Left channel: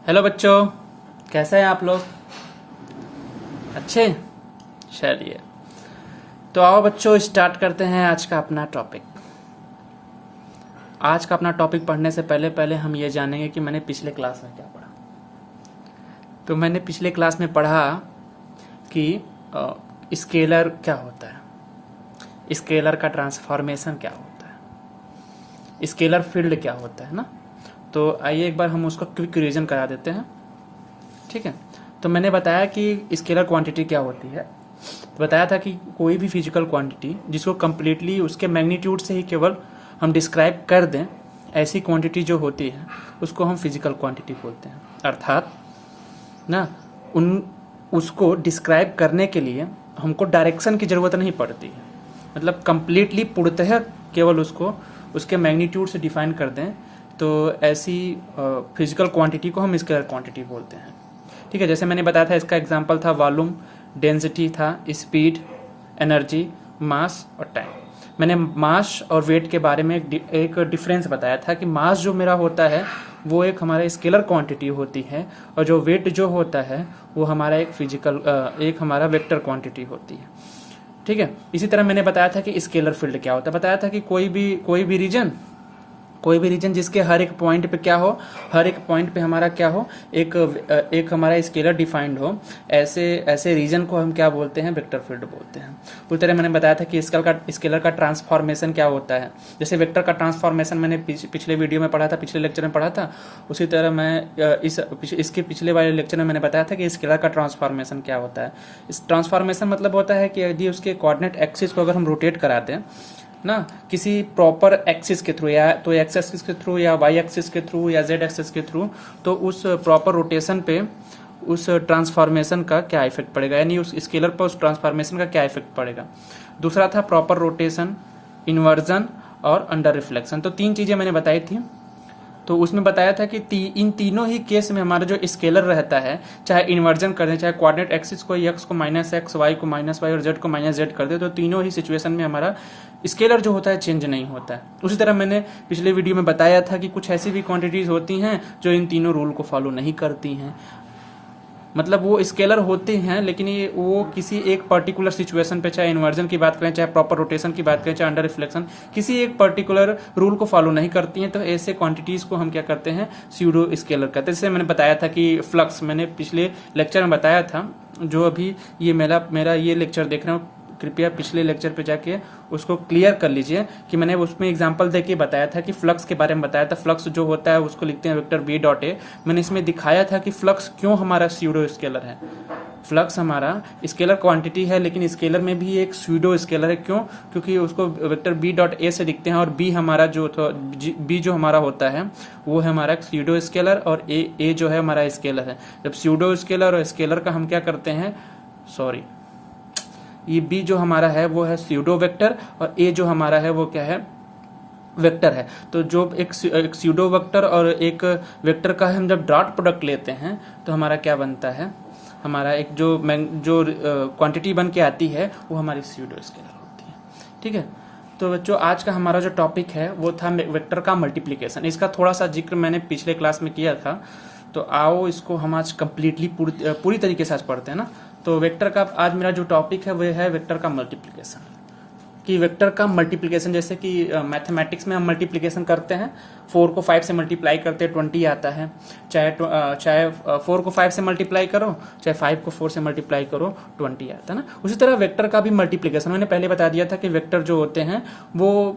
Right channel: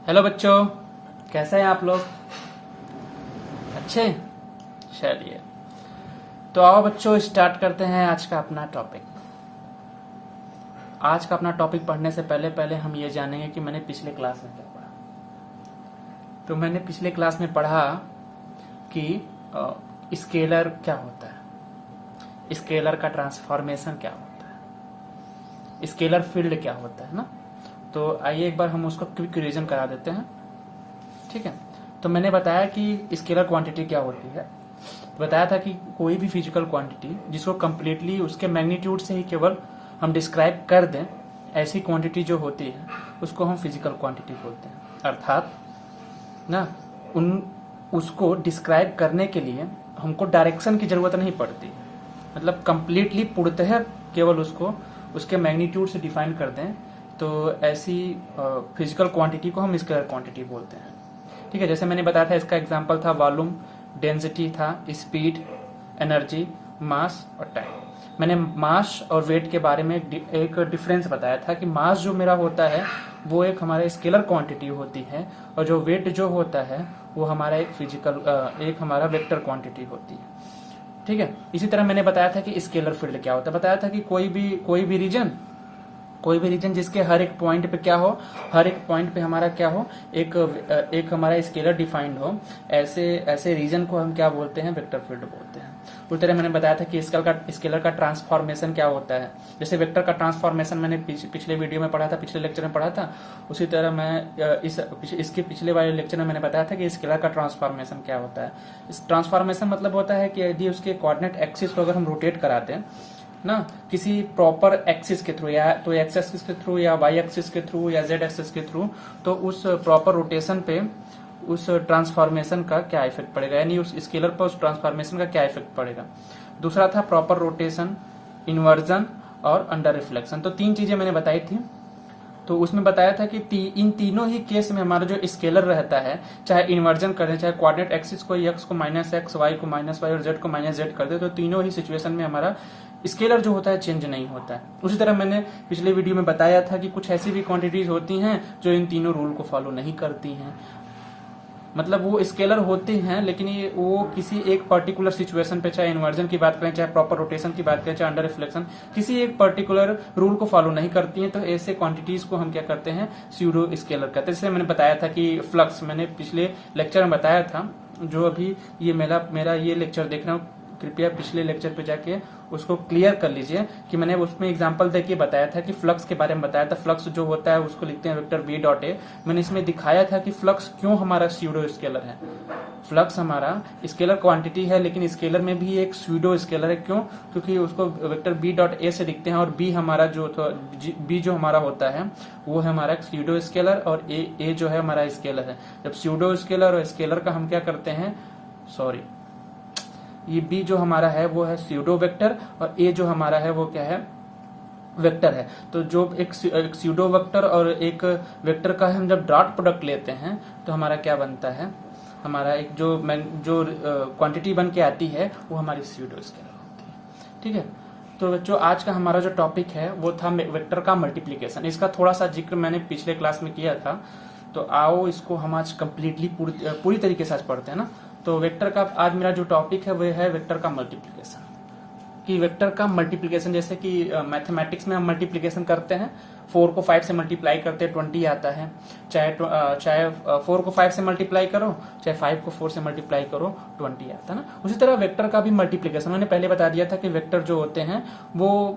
Hello बच्चों, कैसे हैं आप लोग? अच्छे? चलिए, तो आओ बच्चों स्टार्ट करते हैं आज का अपना टॉपिक। आज का अपना टॉपिक पढ़ने से पहले पहले हम ये जानेंगे कि मैंने पिछले क्लास में क्या पढ़ा। तो मैंने पिछले क्लास में पढ़ा कि स्केलर क्या होता है, स्केलर का ट्रांसफॉर्मेशन क्या होता है, स्केलर फील्ड क्या होता है ना। तो आइए एक बार हम उसको क्विक रिवीजन करा देते हैं। ठीक है, तो मैंने बताया कि स्केलर क्वांटिटी क्या होती है। तो बताया था कि कोई भी फिजिकल क्वांटिटी जिसको कम्प्लीटली उसके मैग्नीट्यूड से ही केवल हम डिस्क्राइब कर दें, ऐसी क्वांटिटी जो होती है उसको हम फिजिकल क्वांटिटी बोलते हैं। अर्थात ना उसको डिस्क्राइब करने के लिए हमको डायरेक्शन की जरूरत नहीं पड़ती, मतलब कम्प्लीटली पूर्णतः केवल उसको उसके मैग्नीट्यूड से डिफाइन कर दें, तो ऐसी फिजिकल क्वांटिटी को हम स्केलर क्वांटिटी बोलते हैं। ठीक है, जैसे मैंने बताया था, इसका एग्जांपल था वॉल्यूम, डेंसिटी था, स्पीड, एनर्जी, मास और टाइम। मैंने मास और वेट के बारे में एक डिफरेंस बताया था कि मास जो मेरा होता है वो एक हमारा स्केलर क्वांटिटी होती है, और जो वेट जो होता है वो हमारा एक हमारा वेक्टर क्वांटिटी होती है। ठीक है, इसी तरह मैंने बताया था कि स्केलर फील्ड क्या होता है। बताया था कि कोई भी रीजन जिसके हर एक पॉइंट पे क्या हो, हर एक पॉइंट पे हमारा क्या हो, एक हमारा स्केलर डिफाइंड हो, ऐसे रीजन को हम क्या बोलते हैं, वेक्टर फील्ड बोलते हैं। उसी तरह मैंने बताया था कि स्केलर का ट्रांसफॉर्मेशन क्या होता है। जैसे वेक्टर का ट्रांसफॉर्मेशन मैंने पिछले वीडियो में पढ़ा था, पिछले लेक्चर में पढ़ा था। उसी तरह मैं इसके पिछले वाले लेक्चर में मैंने बताया था कि स्केलर का ट्रांसफॉर्मेशन क्या होता है। इस ट्रांसफॉर्मेशन मतलब होता है कि यदि उसके कोऑर्डिनेट एक्सिस को अगर हम रोटेट कराते हैं ना, किसी प्रॉपर एक्सिस के थ्रू, या तो एक्स एक्सिस के थ्रू या वाई एक्सिस के थ्रू या जेड एक्सिस के थ्रू, तो उस प्रॉपर रोटेशन पे उस ट्रांसफॉर्मेशन का क्या इफेक्ट पड़ेगा, यानी उस स्केलर पर उस ट्रांसफॉर्मेशन का क्या इफेक्ट पड़ेगा। दूसरा था प्रॉपर रोटेशन, इन्वर्जन और अंडर रिफ्लेक्शन। तो तीन चीजें मैंने बताई थी। तो उसमें बताया था कि इन तीनों ही केस में हमारा जो स्केलर रहता है, चाहे इन्वर्जन कर दे, चाहे कोऑर्डिनेट एक्सिस को एक्स को माइनस एक्स, वाई को माइनस वाई और जेड को माइनस जेड कर दे, तो तीनों ही सिचुएशन में हमारा स्केलर जो होता है चेंज नहीं होता है। उसी तरह मैंने पिछले वीडियो में बताया था कि कुछ ऐसी भी क्वांटिटीज होती हैं जो इन तीनों रूल को फॉलो नहीं करती हैं, मतलब वो स्केलर होते हैं लेकिन ये वो किसी एक पर्टिकुलर सिचुएशन पे, चाहे इन्वर्जन की बात करें, चाहे प्रॉपर रोटेशन की बात करें, चाहे अंडर रिफ्लेक्शन, किसी एक पर्टिकुलर रूल को फॉलो नहीं करती हैं। तो ऐसे क्वांटिटीज को हम क्या करते हैं, स्यूडो स्केलर करते हैं। जैसे मैंने बताया था कि फ्लक्स, मैंने पिछले लेक्चर में बताया था, जो अभी ये मेरा ये लेक्चर देख रहे हो, कृपया पिछले लेक्चर पे जाके उसको क्लियर कर लीजिए कि मैंने उसमें एग्जांपल देके बताया था कि फ्लक्स के बारे में बताया था। फ्लक्स जो होता है उसको लिखते हैं वेक्टर v डॉट ए। मैंने इसमें दिखाया था कि फ्लक्स क्यों हमारा स्यूडो स्केलर है। फ्लक्स हमारा स्केलर क्वांटिटी है, लेकिन स्केलर में भी एक स्यूडो स्केलर है। क्यों? क्योंकि उसको वेक्टर b डॉट ए से लिखते हैं, और b हमारा b जो हमारा होता है वो है हमारा स्यूडो स्केलर, और a जो है हमारा स्केलर है। जब स्यूडो स्केलर और स्केलर का हम क्या करते हैं, ये b जो हमारा है वो है स्यूडो वेक्टर, और a जो हमारा है वो क्या है, वेक्टर है। तो जो एक स्यूडो वेक्टर और एक वेक्टर का हम जब डॉट प्रोडक्ट लेते हैं तो हमारा क्या बनता है, हमारा एक जो क्वांटिटी बन के आती है वो हमारी स्यूडो स्केलर होती है। ठीक है, तो बच्चों आज का हमारा जो टॉपिक है वो था वेक्टर का मल्टीप्लीकेशन। इसका थोड़ा सा जिक्र मैंने पिछले क्लास में किया था, तो आओ इसको हम आज कम्प्लीटली पूरी तरीके से आज पढ़ते हैं ना। तो वेक्टर का आज मेरा जो टॉपिक है वह है वेक्टर का मल्टीप्लिकेशन। कि वेक्टर का मल्टीप्लिकेशन, जैसे कि मैथमेटिक्स में हम मल्टीप्लिकेशन करते हैं, 4 को 5 से मल्टीप्लाई करते हैं 20 आता है। चाहे 4 को 5 से मल्टीप्लाई करो, चाहे 5 को 4 से मल्टीप्लाई करो, 20 आता है ना। उसी तरह वेक्टर का भी मल्टीप्लिकेशन मैंने पहले बता दिया था कि वेक्टर जो होते हैं वो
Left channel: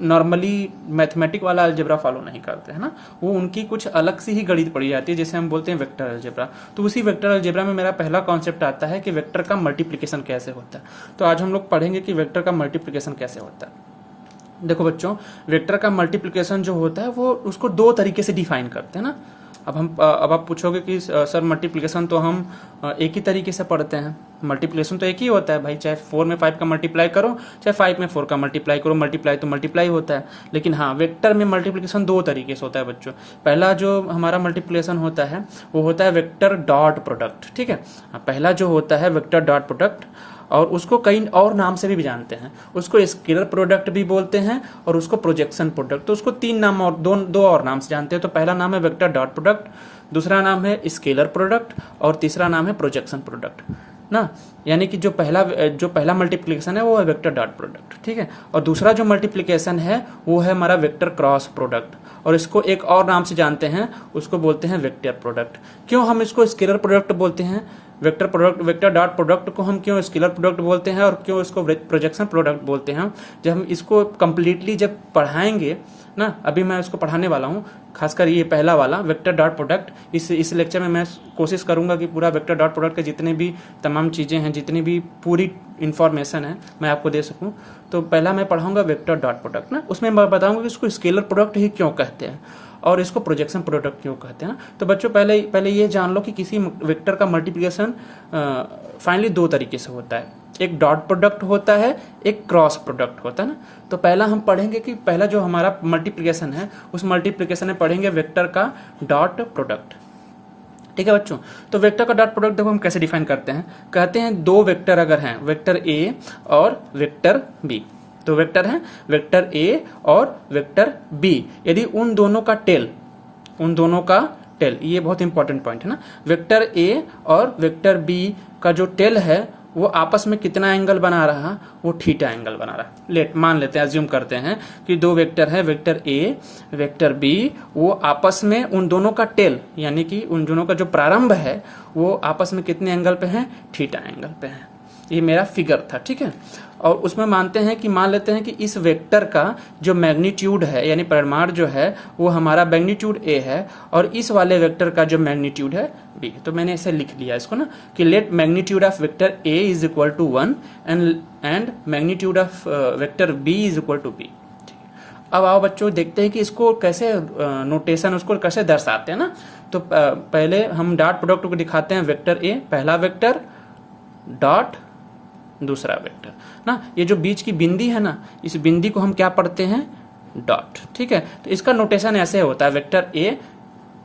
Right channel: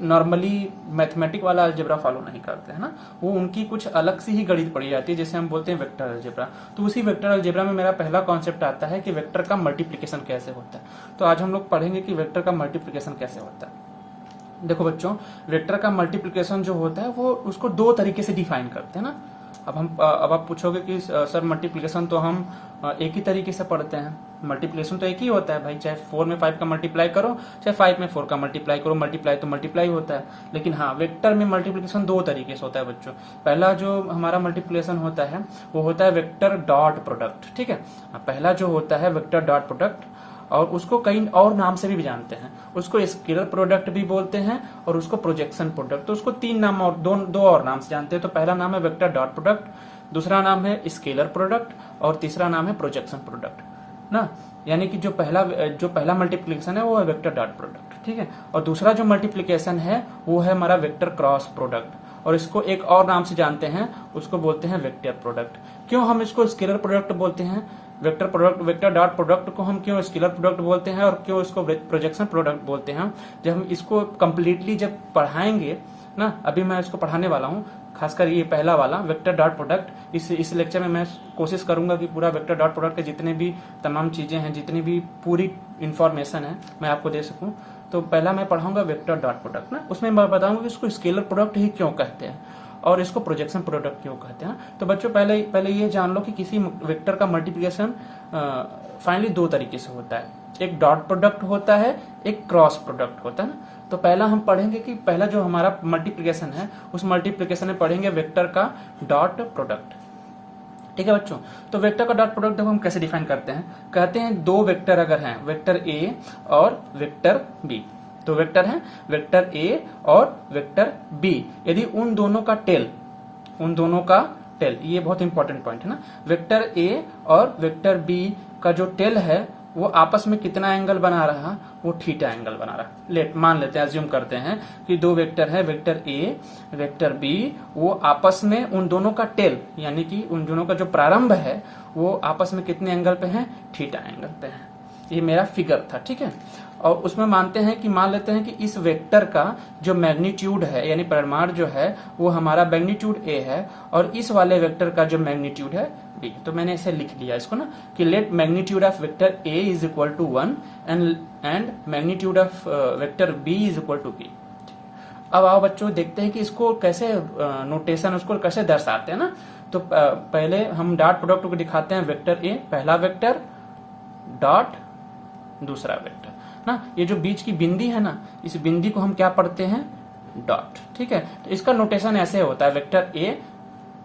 नॉर्मली मैथमेटिक वाला अलजेब्रा फॉलो नहीं करते हैं ना, वो उनकी कुछ अलग सी ही गणित पड़ी जाती है, जिसे हम बोलते हैं वेक्टर अलजेब्रा। तो उसी वेक्टर अलजेब्रा में मेरा पहला कॉन्सेप्ट आता है कि वेक्टर का मल्टीप्लिकेशन कैसे होता है। तो आज हम लोग पढ़ेंगे कि वेक्टर का मल्टीप्लिकेशन कैसे होता है। देखो बच्चों, वेक्टर का मल्टीप्लिकेशन जो होता है वो उसको दो तरीके से डिफाइन करते हैं ना। अब आप पूछोगे कि सर मल्टीप्लिकेशन तो हम एक ही तरीके से पढ़ते हैं, मल्टीप्लिकेशन तो एक ही होता है भाई, चाहे 4 में 5 का मल्टीप्लाई करो, चाहे 5 में 4 का मल्टीप्लाई करो, मल्टीप्लाई तो मल्टीप्लाई होता है। लेकिन हाँ, वेक्टर में मल्टीप्लिकेशन दो तरीके से होता है बच्चों। पहला जो हमारा मल्टीप्लिकेशन होता है वो होता है वेक्टर डॉट प्रोडक्ट। ठीक है, पहला जो होता है वेक्टर डॉट प्रोडक्ट, और उसको कई और नाम से भी जानते हैं। उसको स्केलर प्रोडक्ट भी बोलते हैं और उसको प्रोजेक्शन प्रोडक्ट। तो उसको तीन नाम और दो और नाम से जानते हैं। तो पहला नाम है वेक्टर डॉट प्रोडक्ट, दूसरा नाम है स्केलर प्रोडक्ट और तीसरा नाम है प्रोजेक्शन प्रोडक्ट ना। यानी कि जो पहला मल्टीप्लिकेशन है वो है वेक्टर डॉट प्रोडक्ट, ठीक है। और दूसरा जो मल्टीप्लिकेशन है वो है हमारा वेक्टर क्रॉस प्रोडक्ट, और इसको एक और नाम से जानते हैं, उसको बोलते हैं वेक्टर प्रोडक्ट। क्यों हम इसको स्केलर प्रोडक्ट बोलते हैं, vector product, vector dot product को हम क्यों स्केलर प्रोडक्ट बोलते हैं और क्यों इसको प्रोजेक्शन प्रोडक्ट बोलते हैं, जब हम इसको कंप्लीटली जब पढ़ाएंगे ना, अभी मैं इसको पढ़ाने वाला हूँ, खासकर ये पहला वाला वेक्टर डॉट प्रोडक्ट। इस लेक्चर में मैं कोशिश करूंगा कि पूरा वेक्टर डॉट प्रोडक्ट के जितने भी तमाम चीजें हैं, जितनी भी पूरी इंफॉर्मेशन है, मैं आपको दे सकूं। तो पहला मैं पढ़ाऊंगा वेक्टर डॉट प्रोडक्ट ना, उसमें मैं बताऊंगा कि इसको स्केलर प्रोडक्ट ही क्यों कहते हैं और इसको प्रोजेक्शन प्रोडक्ट क्यों कहते हैं। तो बच्चों पहले ये जान लो कि किसी वेक्टर का मल्टीप्लिकेशन फाइनली दो तरीके से होता है, एक डॉट प्रोडक्ट होता है, एक क्रॉस प्रोडक्ट होता है ना। तो पहला हम पढ़ेंगे कि पहला जो हमारा मल्टीप्लिकेशन है, उस मल्टीप्लिकेशन में पढ़ेंगे वेक्टर का डॉट प्रोडक्ट, ठीक है बच्चों। तो वेक्टर का डॉट प्रोडक्ट देखो हम कैसे डिफाइन करते हैं। कहते हैं दो वेक्टर अगर हैं, वेक्टर ए और वेक्टर बी, तो वेक्टर है वेक्टर ए और वेक्टर बी, यदि उन दोनों का टेल, ये बहुत इंपॉर्टेंट पॉइंट है ना, वेक्टर ए और वेक्टर बी का जो टेल है वो आपस में कितना एंगल बना रहा, वो थीटा एंगल बना रहा। मान लेते हैं, अज्यूम करते हैं कि दो वेक्टर है, वेक्टर ए वेक्टर बी, वो आपस में उन दोनों का टेल यानी कि उन दोनों का जो प्रारंभ है वो आपस में कितने एंगल पे है, थीटा एंगल पे है। ये मेरा फिगर था, ठीक है। और उसमें मान लेते हैं कि इस वेक्टर का जो मैग्नीट्यूड है यानी परिमाण जो है वो हमारा मैग्नीट्यूड ए है और इस वाले वेक्टर का जो मैग्नीट्यूड है बी। तो मैंने ऐसे लिख लिया इसको ना कि let magnitude of vector A is equal to 1 and magnitude of vector B is equal to B. अब आओ बच्चों देखते हैं कि इसको कैसे नोटेशन उसको कैसे दर्शाते हैं ना। तो पहले हम डॉट प्रोडक्ट को दिखाते हैं, वेक्टर ए पहला वेक्टर डॉट दूसरा वेक्टर ना। ये जो बीच की बिंदी है ना, इस बिंदी को हम क्या पढ़ते हैं, डॉट, ठीक है। तो इसका नोटेशन ऐसे होता है, vector A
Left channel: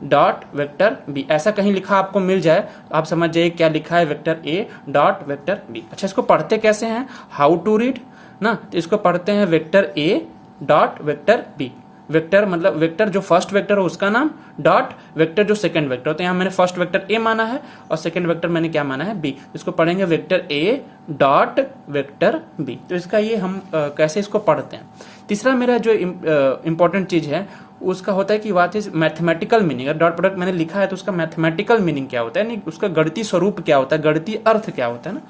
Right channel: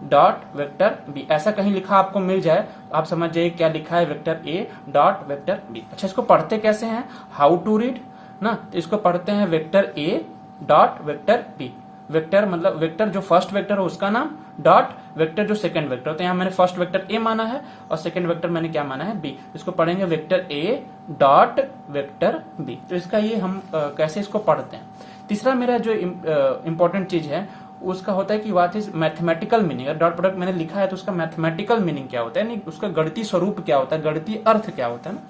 dot vector B, ऐसा कहीं लिखा आपको मिल जाए आप समझ जाइए क्या लिखा है, vector A dot vector B. अच्छा इसको पढ़ते कैसे हैं, हाउ टू रीड ना, तो इसको पढ़ते हैं vector A dot vector B. Vector मतलब वेक्टर जो फर्स्ट वेक्टर है उसका नाम, डॉट वेक्टर जो सेकंड वेक्टर। तो यहाँ मैंने फर्स्ट वेक्टर ए माना है और सेकंड वेक्टर मैंने क्या माना है, बी। इसको पढ़ेंगे vector A dot vector B. तो इसका ये हम कैसे इसको पढ़ते हैं। तीसरा मेरा जो इंपॉर्टेंट चीज है उसका होता है कि what is mathematical meaning. Dot product मैंने लिखा है तो उसका मैथमेटिकल मीनिंग क्या होता है, यानी उसका गणितीय स्वरूप क्या होता है, गणितीय अर्थ क्या होता है ना।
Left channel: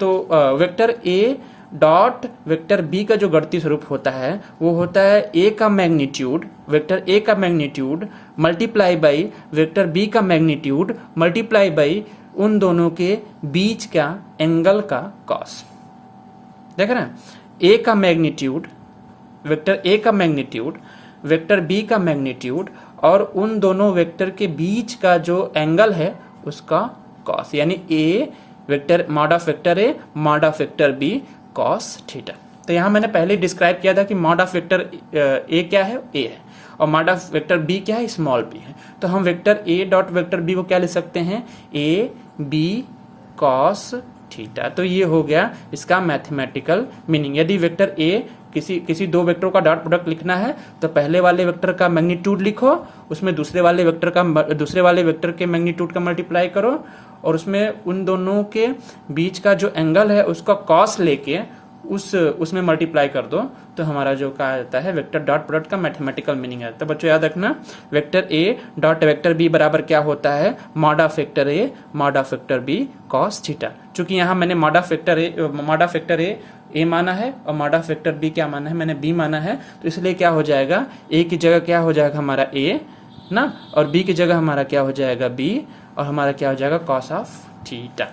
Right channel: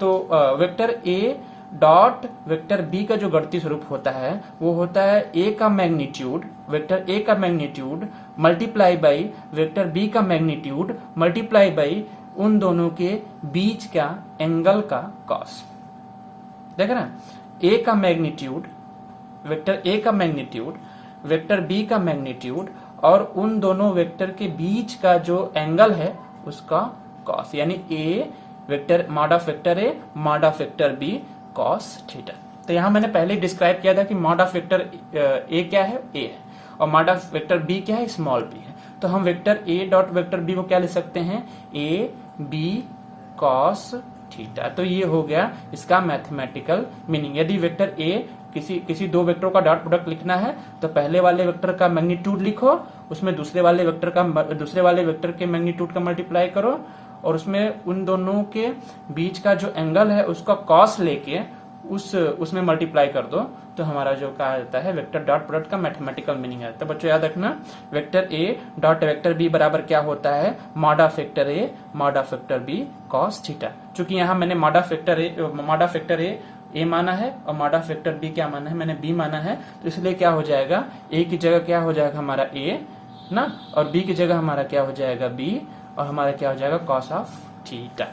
तो vector A dot vector B का जो गणितीय स्वरूप होता है वो होता है ए का मैग्नीट्यूड, वेक्टर ए का magnitude multiply by vector B का मैग्नीट्यूड मल्टीप्लाई बाई उन दोनों के बीच का एंगल का कॉस। देख रहे हैं, ए का मैग्नीट्यूड, वेक्टर ए का मैग्नीट्यूड, वेक्टर बी का मैग्नीट्यूड और उन दोनों वेक्टर के बीच का जो एंगल है उसका कॉस, यानी A vector mod of vector A mod of vector B cos theta. तो यहां मैंने पहले डिस्क्राइब किया था कि मॉड ऑफ वेक्टर ए क्या है, ए है, और मॉड ऑफ वेक्टर बी क्या है, स्मॉल बी है। तो हम vector A dot vector B को क्या लिख सकते हैं, ए बी कॉस थीटा। तो ये हो गया इसका मैथमेटिकल मीनिंग। यदि वेक्टर ए किसी दो वेक्टर का डॉट प्रोडक्ट लिखना है तो पहले वाले वेक्टर का मैग्नीट्यूड लिखो, उसमें दूसरे वाले वेक्टर के मैग्नीट्यूड का मल्टीप्लाई करो और उसमें उन दोनों के बीच का जो एंगल है उसका कॉस लेके उसमें मल्टीप्लाई कर दो, तो हमारा जो कहा जाता है वेक्टर डॉट प्रोडक्ट का मैथमेटिकल मीनिंग है। तो बच्चों याद रखना, vector A dot vector B बराबर क्या होता है, mod of vector A mod of vector B cos theta. चूंकि यहाँ मैंने मॉड ऑफ वेक्टर ए माना है और मॉड ऑफ वेक्टर बी क्या माना है, मैंने बी माना है, तो इसलिए क्या हो जाएगा, ए की जगह क्या हो जाएगा हमारा ए ना, और बी की जगह हमारा क्या हो जाएगा बी, और हमारा क्या हो जाएगा कॉस ऑफ थीटा।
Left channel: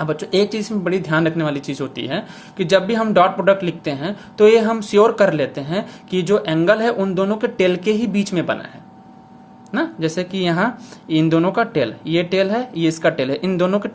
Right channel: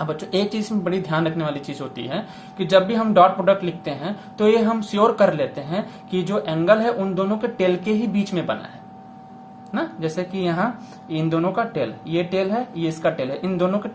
अब बच्चों एक चीज में बड़ी ध्यान रखने वाली चीज होती है कि जब भी हम डॉट प्रोडक्ट लिखते हैं तो ये हम श्योर कर लेते हैं कि जो एंगल है उन दोनों के टेल के ही बीच में बना है ना। जैसे कि यहाँ इन दोनों का टेल, ये टेल है ये इसका टेल है, इन दोनों के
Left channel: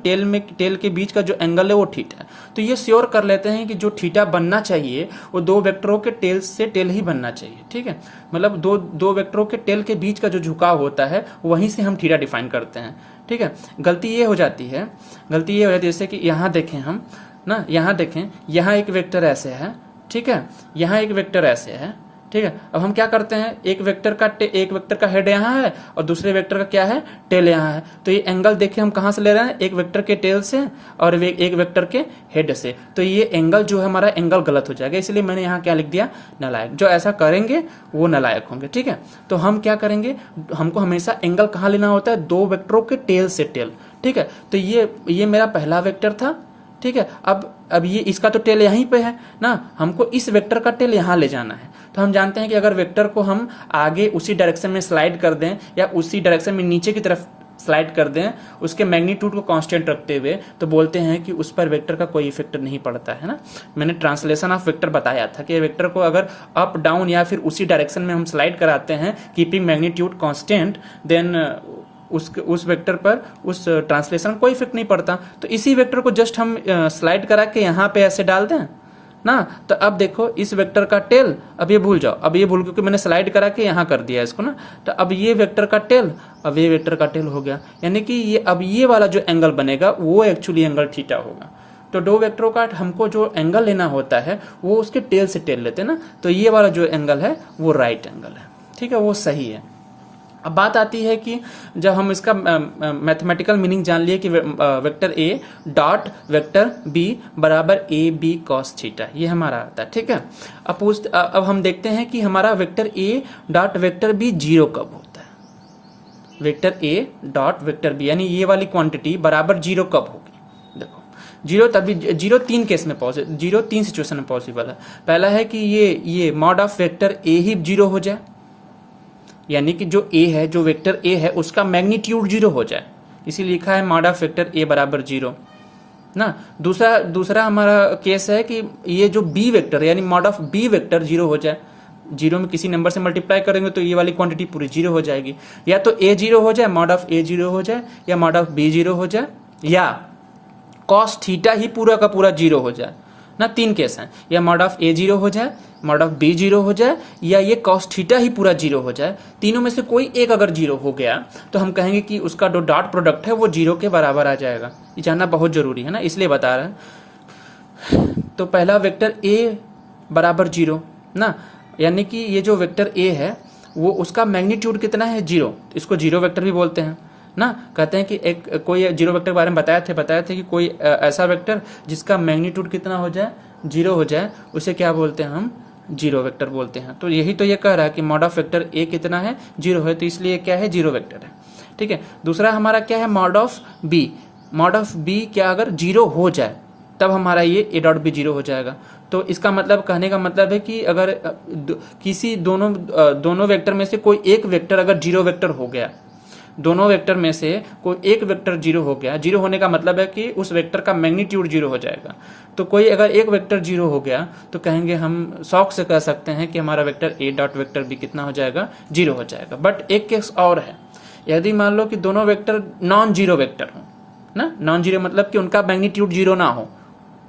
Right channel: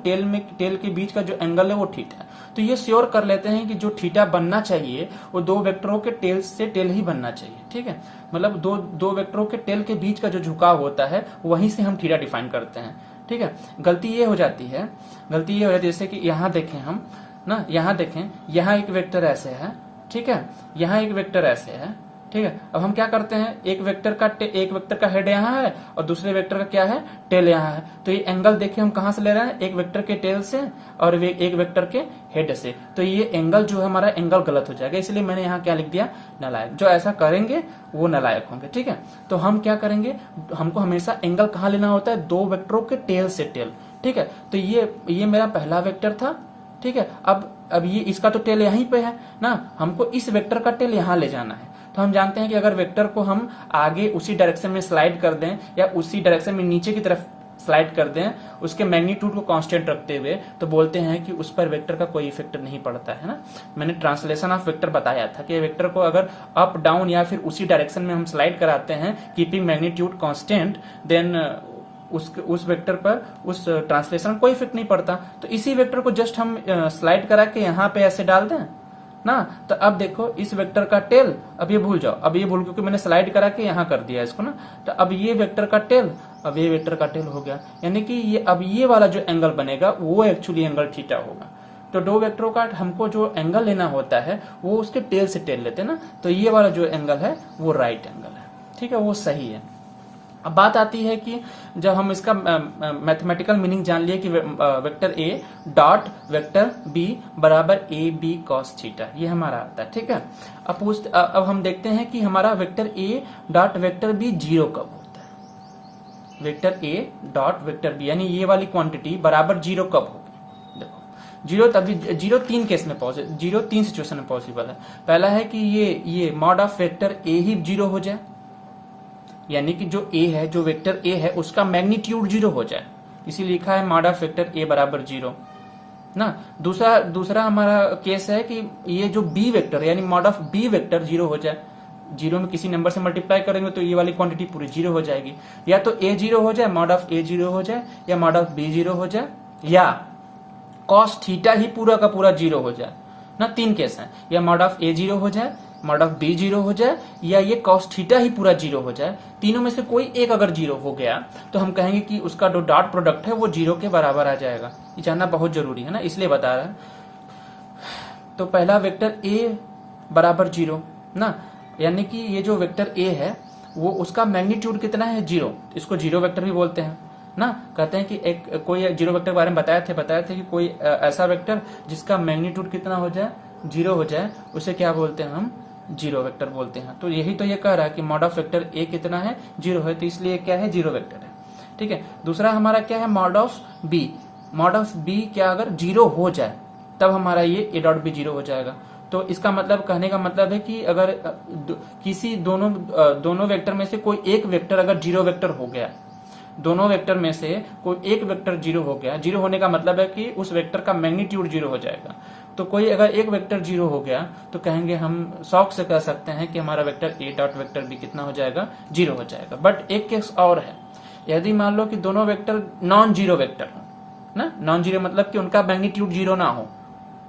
टेल के बीच का जो एंगल है वो थीटा है। तो ये श्योर कर लेते हैं कि जो थीटा बनना चाहिए वो दो वेक्टरों के टेल से टेल ही बनना चाहिए, ठीक है। मतलब दो वेक्टरों के टेल के बीच का जो झुकाव होता है वहीं से हम थीटा डिफाइन करते हैं, ठीक है। गलती ये हो जाती है जैसे कि यहाँ देखें हम ना, यहाँ देखें, यहाँ एक वेक्टर ऐसे है, ठीक है, यहाँ एक वेक्टर ऐसे है, ठीक है। अब हम क्या करते हैं, एक वेक्टर का हेड यहाँ है और दूसरे वेक्टर का क्या है, टेल यहाँ है। तो ये एंगल देखिए हम कहां से ले रहे हैं, एक वेक्टर के टेल से और एक वेक्टर के हेड से। तो ये एंगल जो है हमारा एंगल गलत हो जाएगा, इसलिए मैंने यहाँ क्या लिख दिया, नालायक। जो ऐसा करेंगे वो नालायक होंगे, ठीक है। तो हम क्या करेंगे, हमको हमेशा एंगल कहाँ लेना होता है, दो वेक्टरों के टेल से टेल, ठीक है। तो ये मेरा पहला वेक्टर था, ठीक है। अब ये इसका तो टेल यहीं पे है ना, हमको इस वेक्टर का टेल यहाँ ले जाना है। तो हम जानते हैं कि अगर वेक्टर को हम आगे उसी डायरेक्शन में स्लाइड कर दें या उसी डायरेक्शन में नीचे की तरफ स्लाइड कर दें, उसके मैग्नीट्यूड को कांस्टेंट रखते हुए, तो बोलते हैं कि उस पर वेक्टर का कोई इफेक्ट नहीं पड़ता है ना। मैंने ट्रांसलेशन ऑफ वेक्टर बताया था कि वेक्टर को अगर अप डाउन या फिर उसी डायरेक्शन में हम स्लाइड कराते हैं कीपिंग मैग्नीट्यूड कांस्टेंट, देन उस वेक्टर पर उस ट्रांसलेशन कोई इफेक्ट नहीं पड़ता। तो इसी वेक्टर को जस्ट हम स्लाइड करा के यहाँ पे ऐसे डाल दें ना, तो अब देखो इस वेक्टर का टेल, अब ये भूल जाओ, अब ये भूल, क्योंकि मैंने स्लाइड करा के यहाँ कर दिया इसको ना। तो अब ये वेक्टर का टेल, अब ये वेक्टर का टेल हो गया, यानी कि ये अब ये वाला जो एंगल बनेगा वो एक्चुअली एंगल थीटा होगा। तो दो वेक्टरों का हमको जो एंगल लेना होता है वो उसके टेल से टेल लेते हैं ना, तो ये वाला जो एंगल है वो राइट एंगल है, ठीक है, वो सही है। अब बात आती है कि जब हम इसका मैथमेटिकल मीनिंग जान लिए कि vector A dot vector B बराबर ए बी कॉस थीटा, ये हमारा आता है, ठीक है। अब हम देखते हैं कि हमारा vector A dot vector B zero कब होता है। Vector A dot vector B यानी ये वाली क्वांटिटी बराबर जीरो कब होगी। देखो जीरो तभी, जीरो तीन केस में पॉसिबल, जीरो तीन सिचुएशन में पॉसिबल है। पहला है कि ये mod of vector A he zero हो जाए, यानी कि जो ए है, जो वेक्टर ए है उसका मैग्नीट्यूड जीरो हो जाए, इसीलिए लिखा है मॉड ऑफ वेक्टर ए बराबर जीरो ना। दूसरा हमारा केस है कि ये जो बी वेक्टर यानी mod of B vector zero हो जाए, जीरो में किसी नंबर से मल्टीप्लाई करेंगे तो ये वाली क्वांटिटी पूरी जीरो हो जाएगी। या तो ए जीरो हो जाए, मॉड ऑफ ए जीरो हो जाए, या मॉड ऑफ बी जीरो हो जाए, या कॉस थीटा ही पूरा का पूरा जीरो हो जाए ना। तीन केस हैं, या मॉड ऑफ ए जीरो हो जाए, मॉड ऑफ बी जीरो हो जाए, या ये कॉस थीटा ही पूरा जीरो हो जाए। तीनों में से कोई एक अगर जीरो हो गया तो हम कहेंगे कि उसका जो डॉट प्रोडक्ट है वो जीरो के बराबर आ जाएगा। ये जानना बहुत जरूरी है ना, इसलिए बता रहे हैं। तो पहला वेक्टर ए बराबर जीरो ना, यानी कि ये जो वेक्टर ए है वो उसका मैग्नीट्यूड कितना है, जीरो। इसको जीरो वेक्टर भी बोलते हैं ना। कहते हैं कि एक कोई जीरो वेक्टर के बारे में बताए थे कि कोई ऐसा वेक्टर जिसका मैग्नीट्यूड कितना हो जाए, जीरो हो जाए, उसे क्या बोलते हैं, हम जीरो वेक्टर बोलते हैं। तो यही तो ये कह रहा है कि मॉड ऑफ वेक्टर ए कितना है, जीरो है, तो इसलिए क्या है, जीरो वेक्टर है, ठीक है। दूसरा हमारा क्या है, mod of B. Mod of B क्या अगर जीरो हो जाए तब हमारा ये ए डॉट बी जीरो हो जाएगा। तो इसका मतलब, कहने का मतलब है कि अगर किसी दोनों वेक्टर में से कोई एक वेक्टर अगर जीरो वेक्टर हो गया, दोनों वेक्टर में से कोई एक वेक्टर जीरो हो गया, जीरो होने का मतलब है कि उस वेक्टर का मैग्नीट्यूड जीरो हो जाएगा। तो कोई अगर एक वेक्टर जीरो हो गया तो कहेंगे, हम शौक से कह सकते हैं कि हमारा vector A dot vector B कितना हो जाएगा, जीरो हो जाएगा। बट एक केस और है, यदि मान लो कि दोनों वेक्टर नॉन जीरो वेक्टर हो ना, नॉन जीरो मतलब कि उनका मैग्नीट्यूड जीरो ना हो,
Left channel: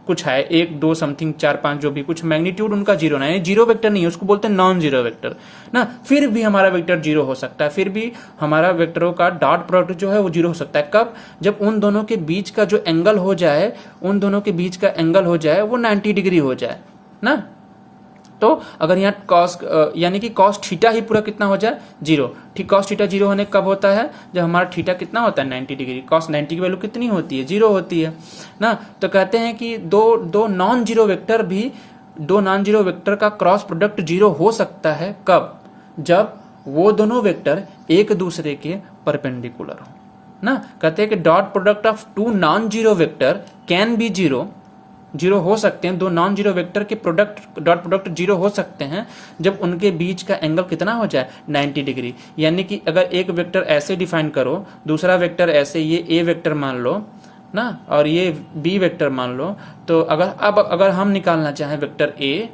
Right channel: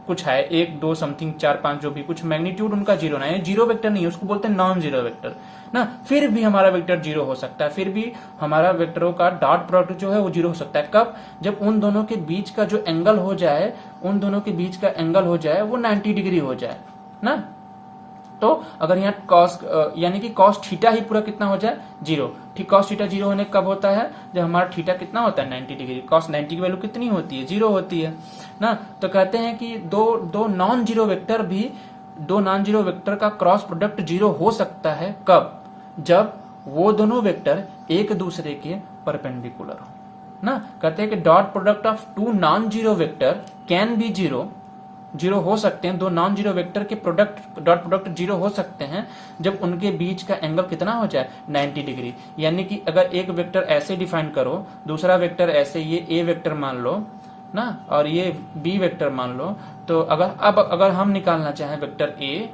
कुछ है 1 2 समथिंग 4 5 जो भी कुछ मैग्नीट्यूड उनका जीरो ना है, जीरो वेक्टर नहीं है, उसको बोलते हैं नॉन जीरो वेक्टर ना। फिर भी हमारा वेक्टर जीरो हो सकता है, फिर भी हमारा वेक्टरों का डॉट प्रोडक्ट जो है वो जीरो हो सकता है। कब, जब उन दोनों के बीच का जो एंगल हो जाए, उन दोनों के बीच का एंगल हो जाए वो 90 डिग्री हो जाए ना। तो अगर यहाँ कॉस यानी कि कॉस थीटा ही पूरा कितना हो जाए, जीरो। ठीक, कॉस थीटा जीरो होने कब होता है, जब हमारा थीटा कितना होता है, 90 डिग्री। कॉस 90 की वैल्यू कितनी होती है, जीरो होती है ना। तो कहते हैं कि दो नॉन जीरो वेक्टर भी, दो नॉन जीरो वेक्टर का क्रॉस प्रोडक्ट जीरो हो सकता है कब, जब वो दोनों वेक्टर एक दूसरे के परपेंडिकुलर हो ना। कहते हैं कि dot product of two non zero vector can be zero, zero हो सकते हैं, दो नॉन जीरो वेक्टर के प्रोडक्ट डॉट प्रोडक्ट जीरो हो सकते हैं जब उनके बीच का एंगल कितना हो जाए, 90 डिग्री। यानी कि अगर एक वेक्टर ऐसे डिफाइन करो, दूसरा वेक्टर ऐसे, ये ए वेक्टर मान लो ना और ये बी वेक्टर मान लो, तो अगर हम निकालना चाहें वेक्टर ए